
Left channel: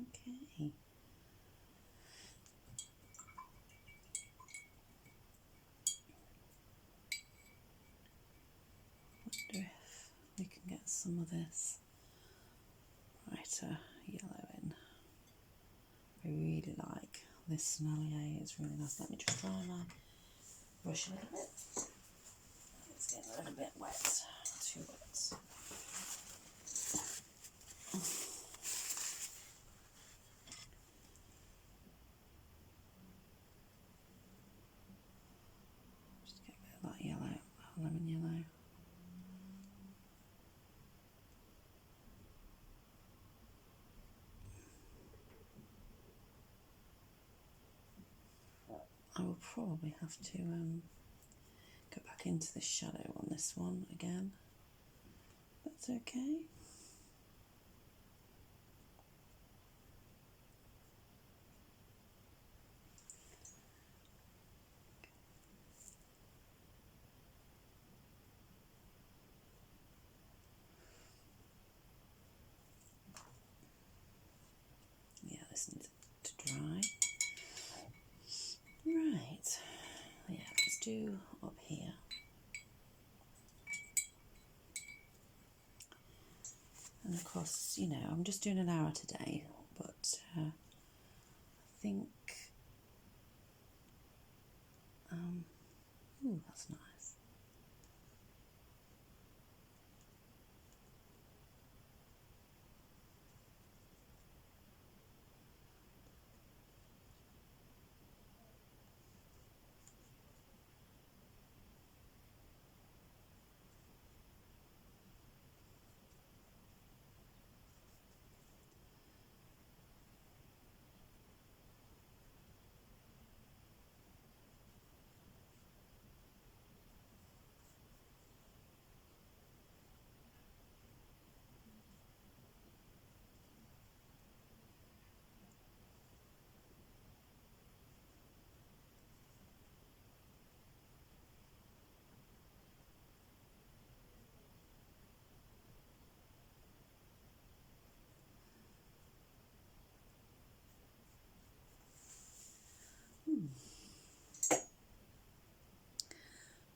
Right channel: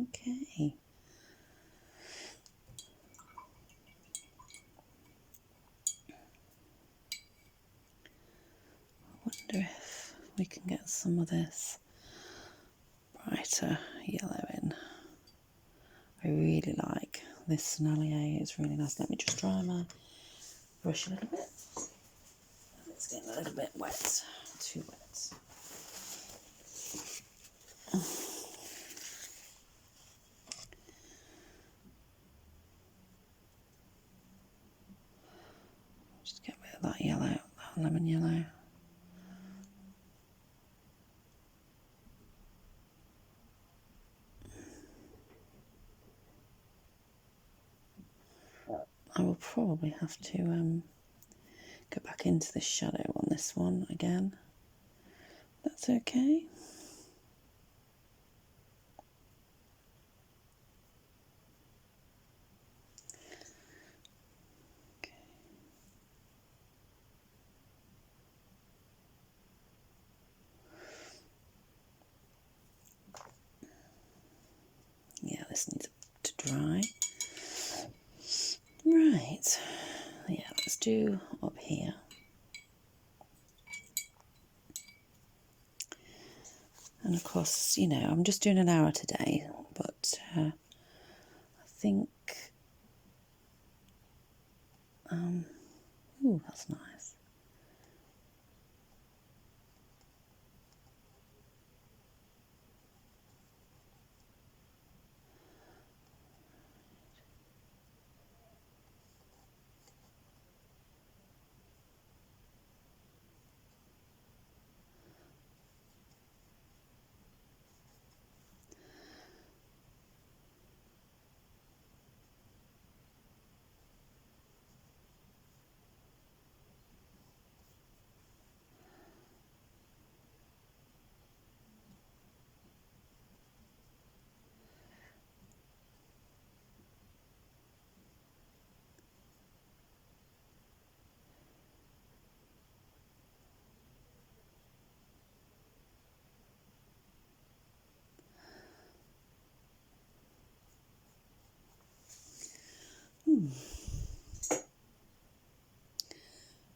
Okay. Wonder if we can get some of this brighter yellow in. I really like this Snallier, it's really nice. Let me just dry my brush a little bit. It's getting a little bit wet, too wet. Just get rid of that yellow, that lemon yellow. I will probably have to go back into the shadow on this one again. That's okay. Yeah, this needs to dry. Right, yeah, let's do up here. And of course, you know, I'm just doing an hour today, but I think, ooh, that's nice.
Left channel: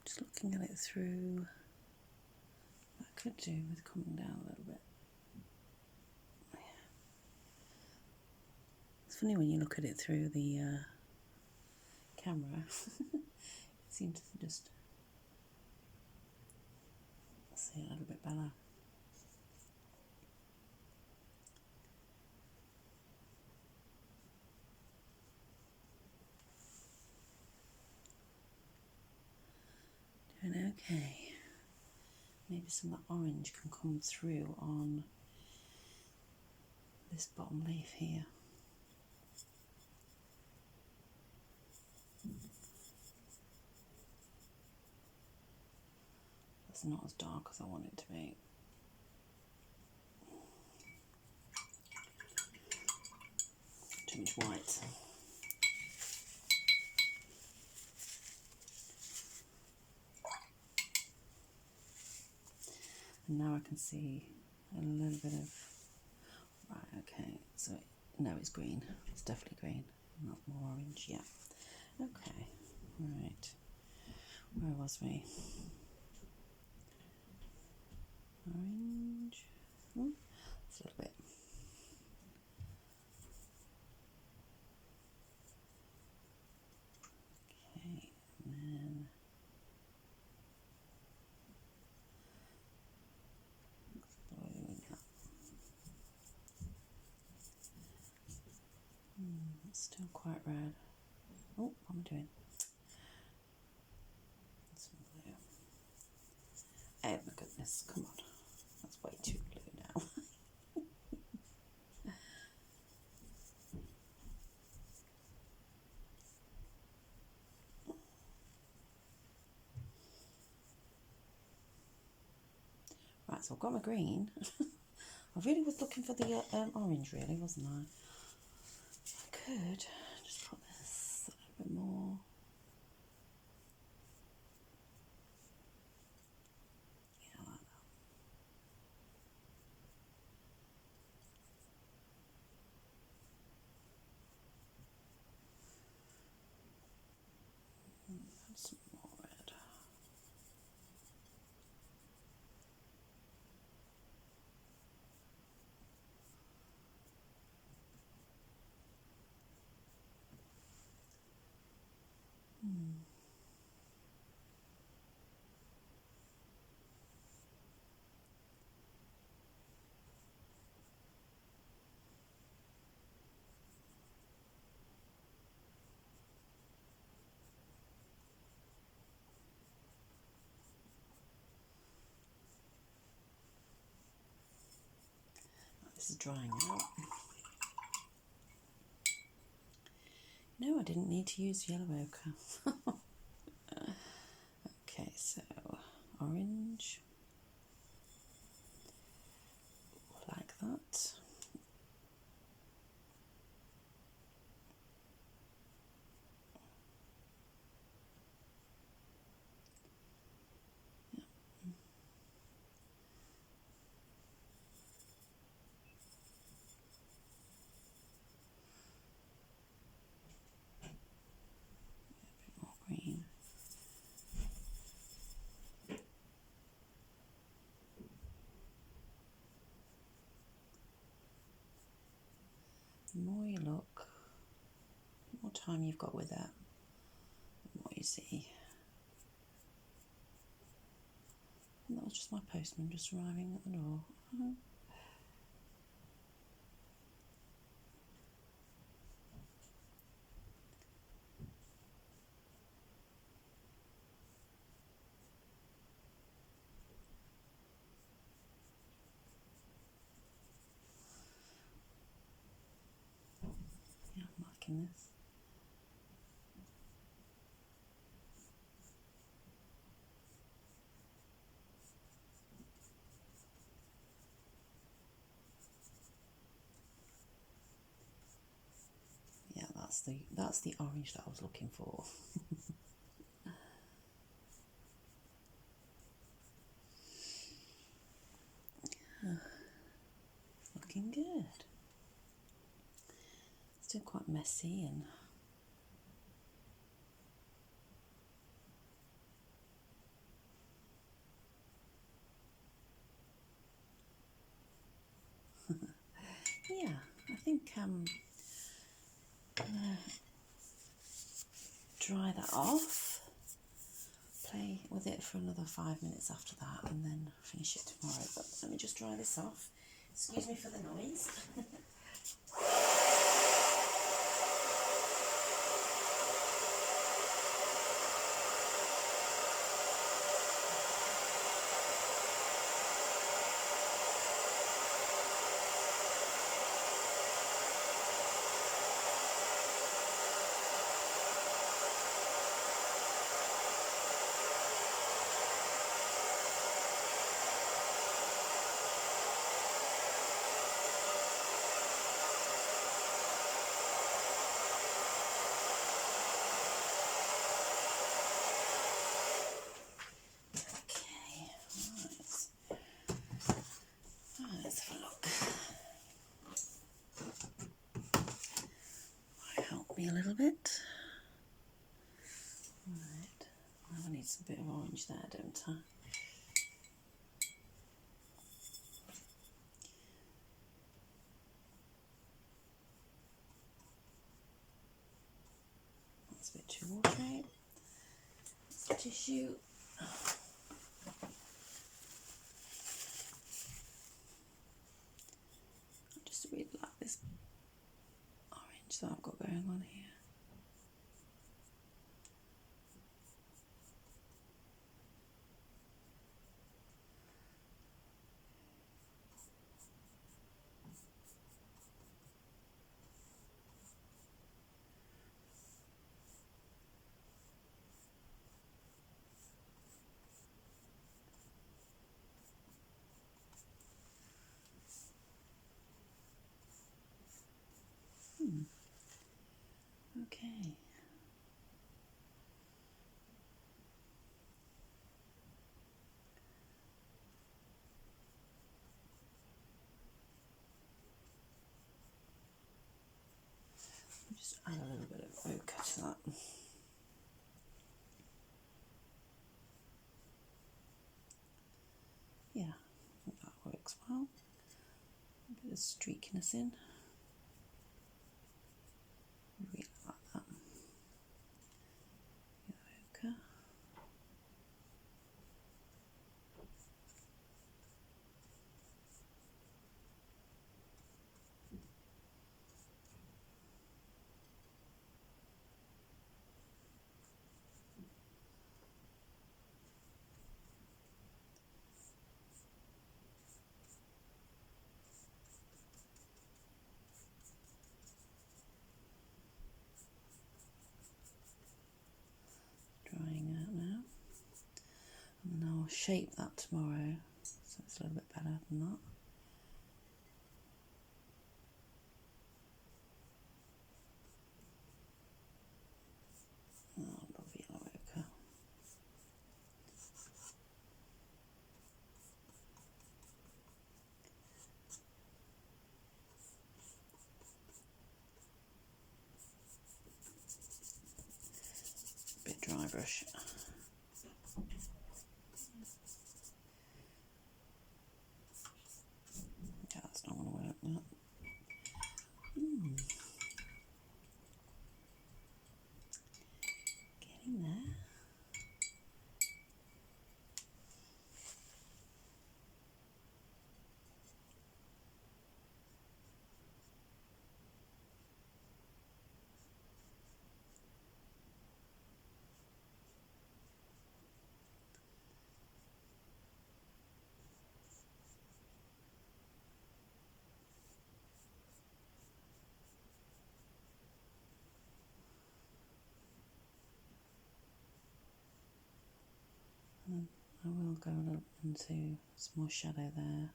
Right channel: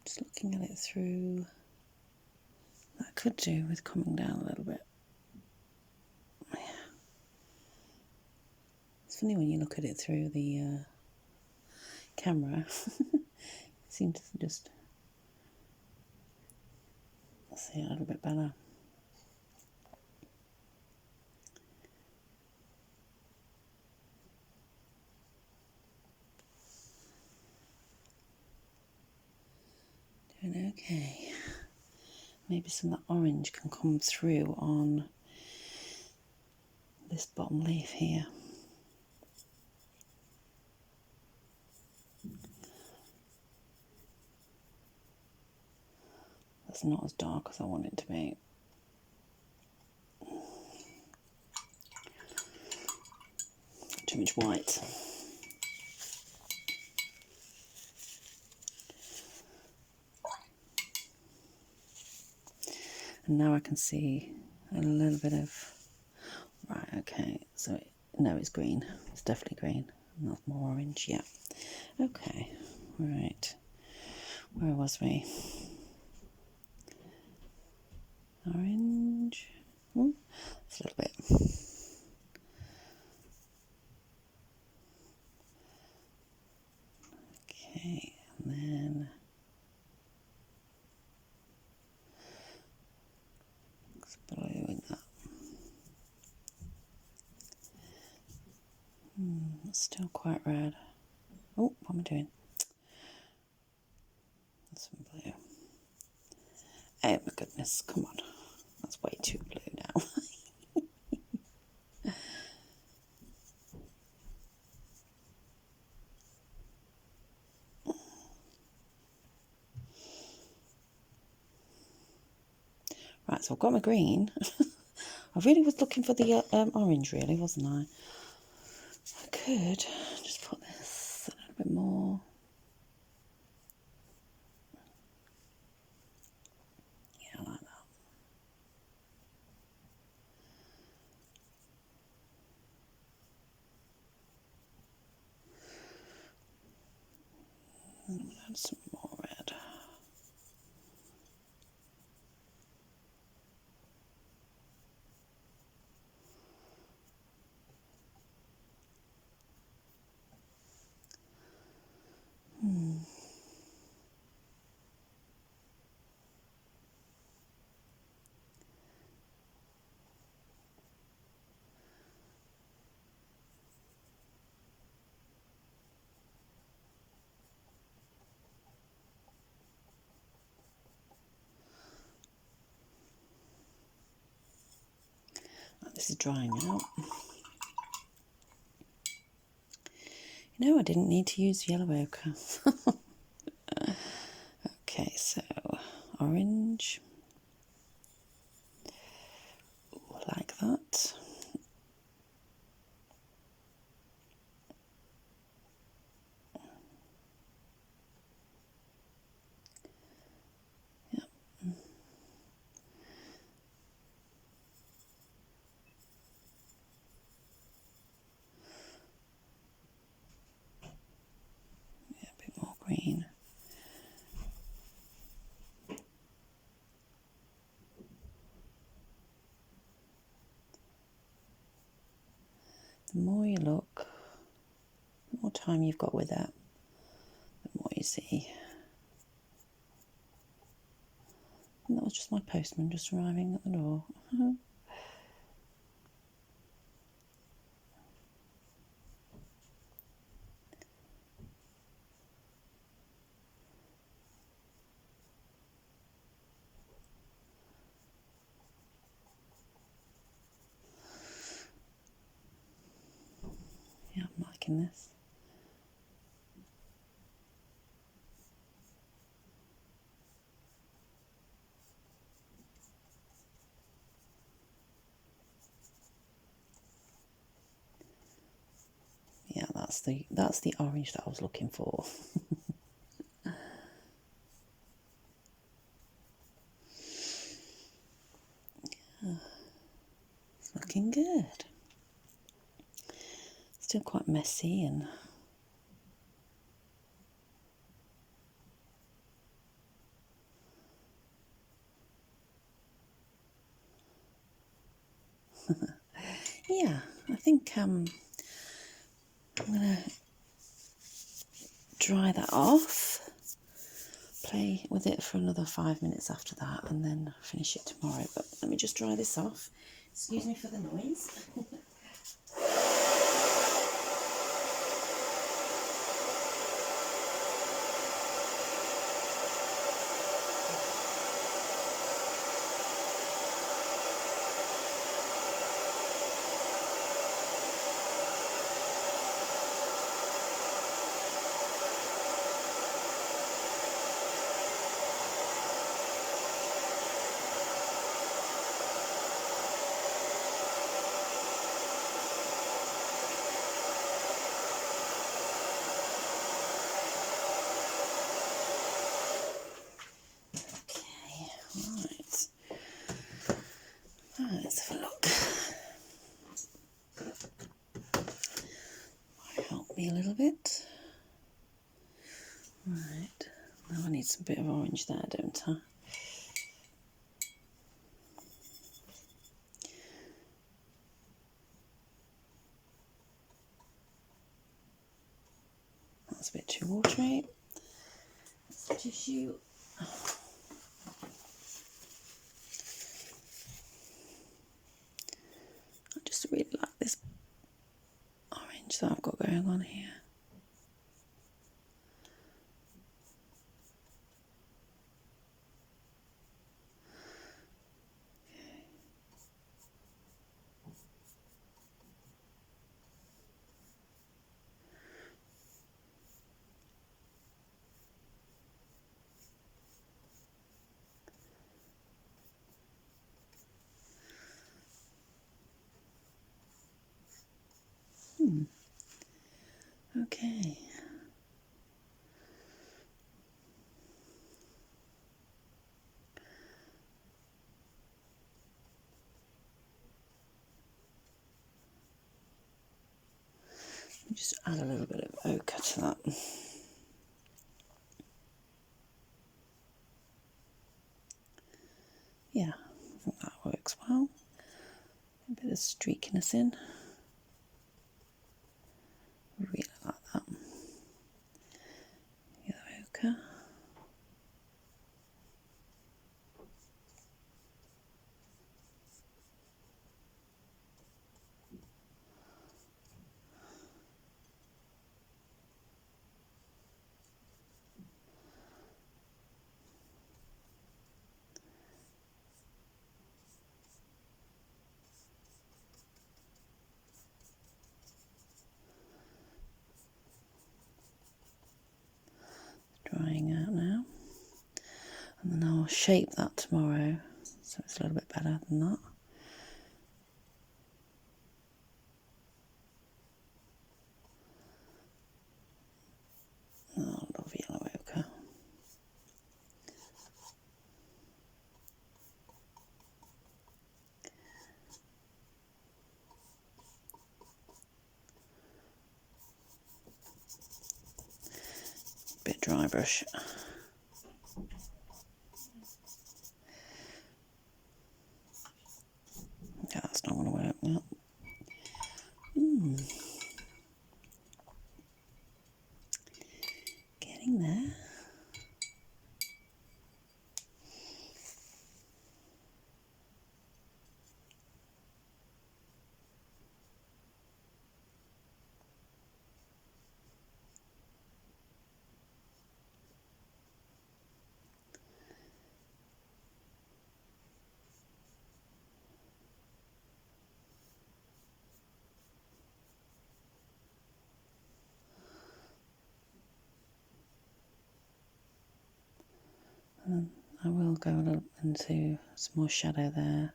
Just looking at it through, that could do with coming down a little bit. funny when you look at it through the camera. It seems to just see a little bit better. Doing okay. Maybe some of that orange can come through on this bottom leaf here. That's not as dark as I want it to be. Too much white. And now I can see a little bit of, right, okay, so no, it's green. It's definitely green. Not more orange, yeah. Okay, right. Where was we? Orange. Oh, it's a little bit. Okay, and then blue in that. It's still quite red. Oh, what am I doing? Some blue. Oh my goodness, come on. That's way too blue now. Right, so I've got my green. I really was looking for the orange, really, wasn't I? I could just put this a little bit more. Yeah, like that. And add some more red. This is drying out. You know, I didn't need to use yellow ochre. Okay, so orange. Like that. Yeah. Yeah, a bit more green. The more you look, the more time you've got with it, the more you see. And that was just my postman just arriving at the door. Yeah, I'm liking this. Yeah, that's the orange that I was looking for. It's looking good. Still quite messy and yeah, I think I'm going to dry that off, play with it for another 5 minutes after that, and then finish it tomorrow. But let me just dry this off. Excuse me for the noise. Let's have a look. Might help me a little bit. Right, now I need some bit of orange there, don't I? That's a bit too watery. It's tissue. I just really like this orange that I've got going on here. Okay. Just add a little bit of ochre to that. Yeah, I think that works well. A bit of streakiness in. Really like that. Yellow ochre. Drying out now. And then I'll shape that tomorrow so it's a little bit better than that. Oh, I love yellow ochre. Bit dry brush. Okay, that's not going to work now. Getting there. I will go a little into some more shadow there.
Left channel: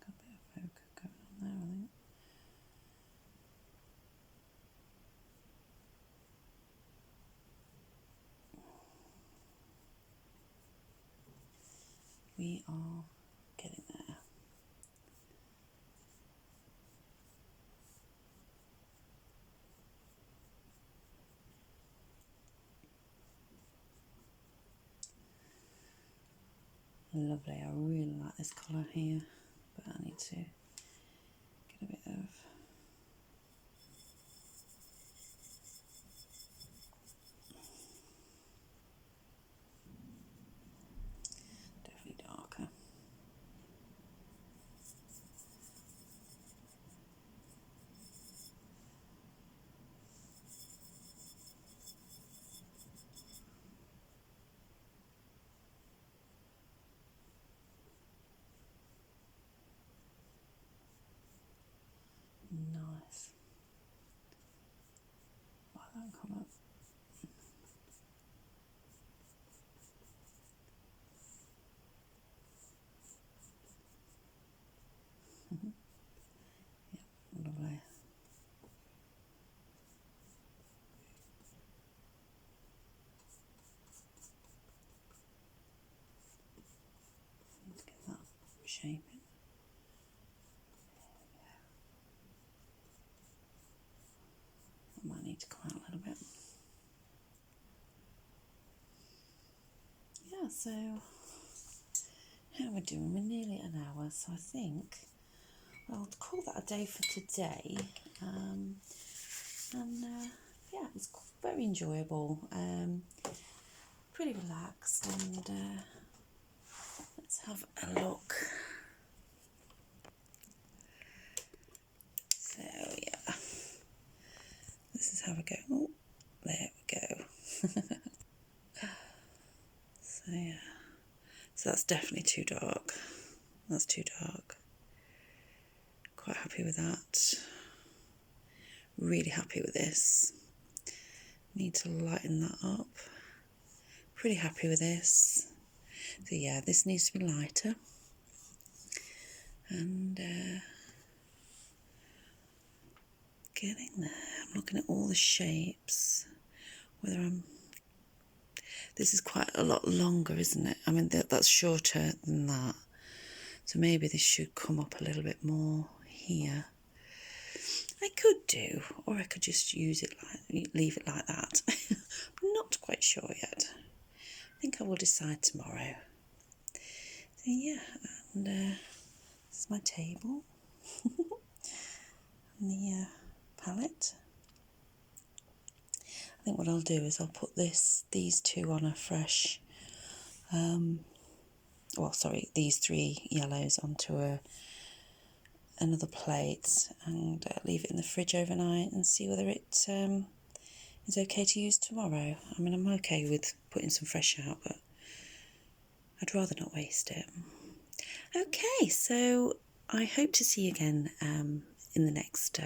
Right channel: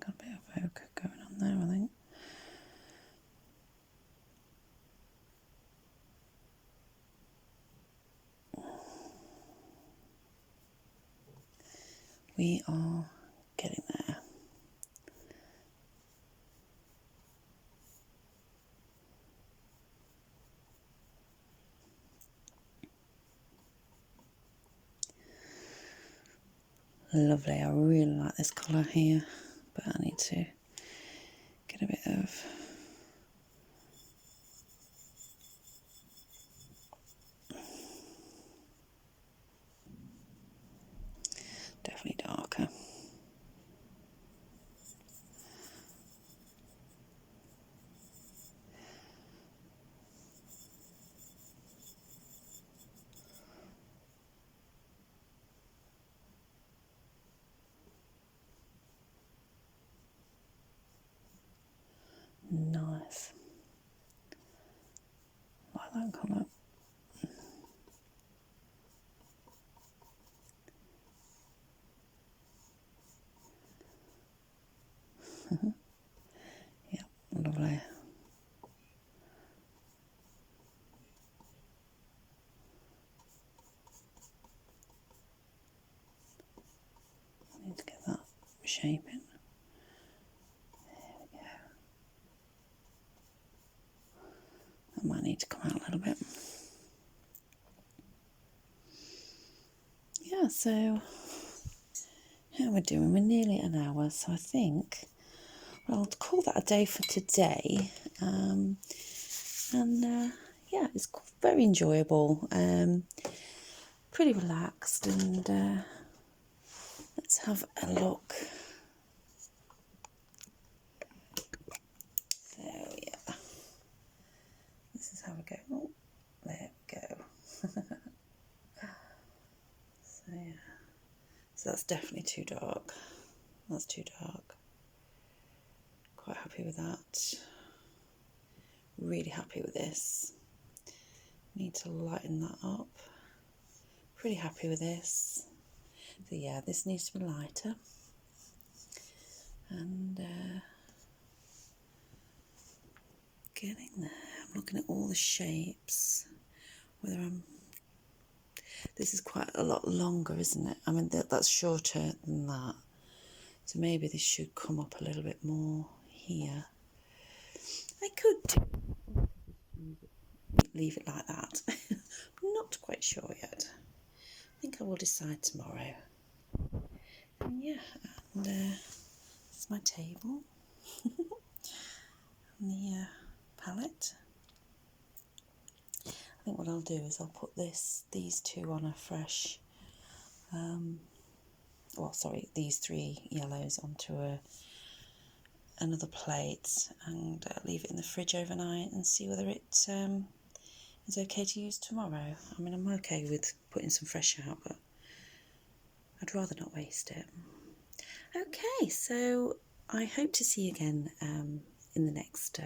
Got a bit of ochre going on there, I think. We are getting there. Lovely, I really like this colour here, but I need to get a bit of definitely darker. Nice. Like that colour. Yeah, lovely. Need to get that shape in. There we go. That might need to come out a little bit. Yeah, so how we're doing, we're nearly an hour, so I think I'll call that a day for today. Yeah, it's very enjoyable, pretty relaxed, and let's have a look. So yeah, this is how we go. Oh, there we go. So yeah, so that's definitely too dark. That's too dark. Quite happy with that. Really happy with this. Need to lighten that up. Pretty happy with this. So yeah, this needs to be lighter. And getting there. I'm looking at all the shapes. This is quite a lot longer, isn't it? I mean, that's shorter than that. So maybe this should come up a little bit more here. I could do, or I could just leave it like that. I'm not quite sure yet. I think I will decide tomorrow. So yeah, and this is my table and the palette. I think what I'll do is I'll put these two on a fresh, these three yellows onto another plate and leave it in the fridge overnight and see whether it is okay to use tomorrow. I mean, I'm okay with putting some fresh out, but I'd rather not waste it. Okay, so I hope to see you again in the next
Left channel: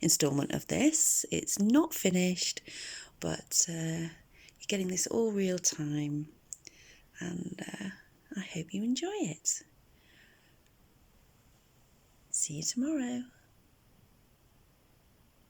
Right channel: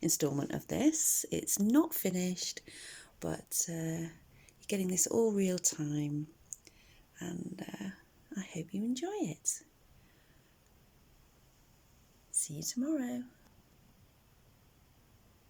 instalment of this. It's not finished, but you're getting this all real time, and I hope you enjoy it. See you tomorrow.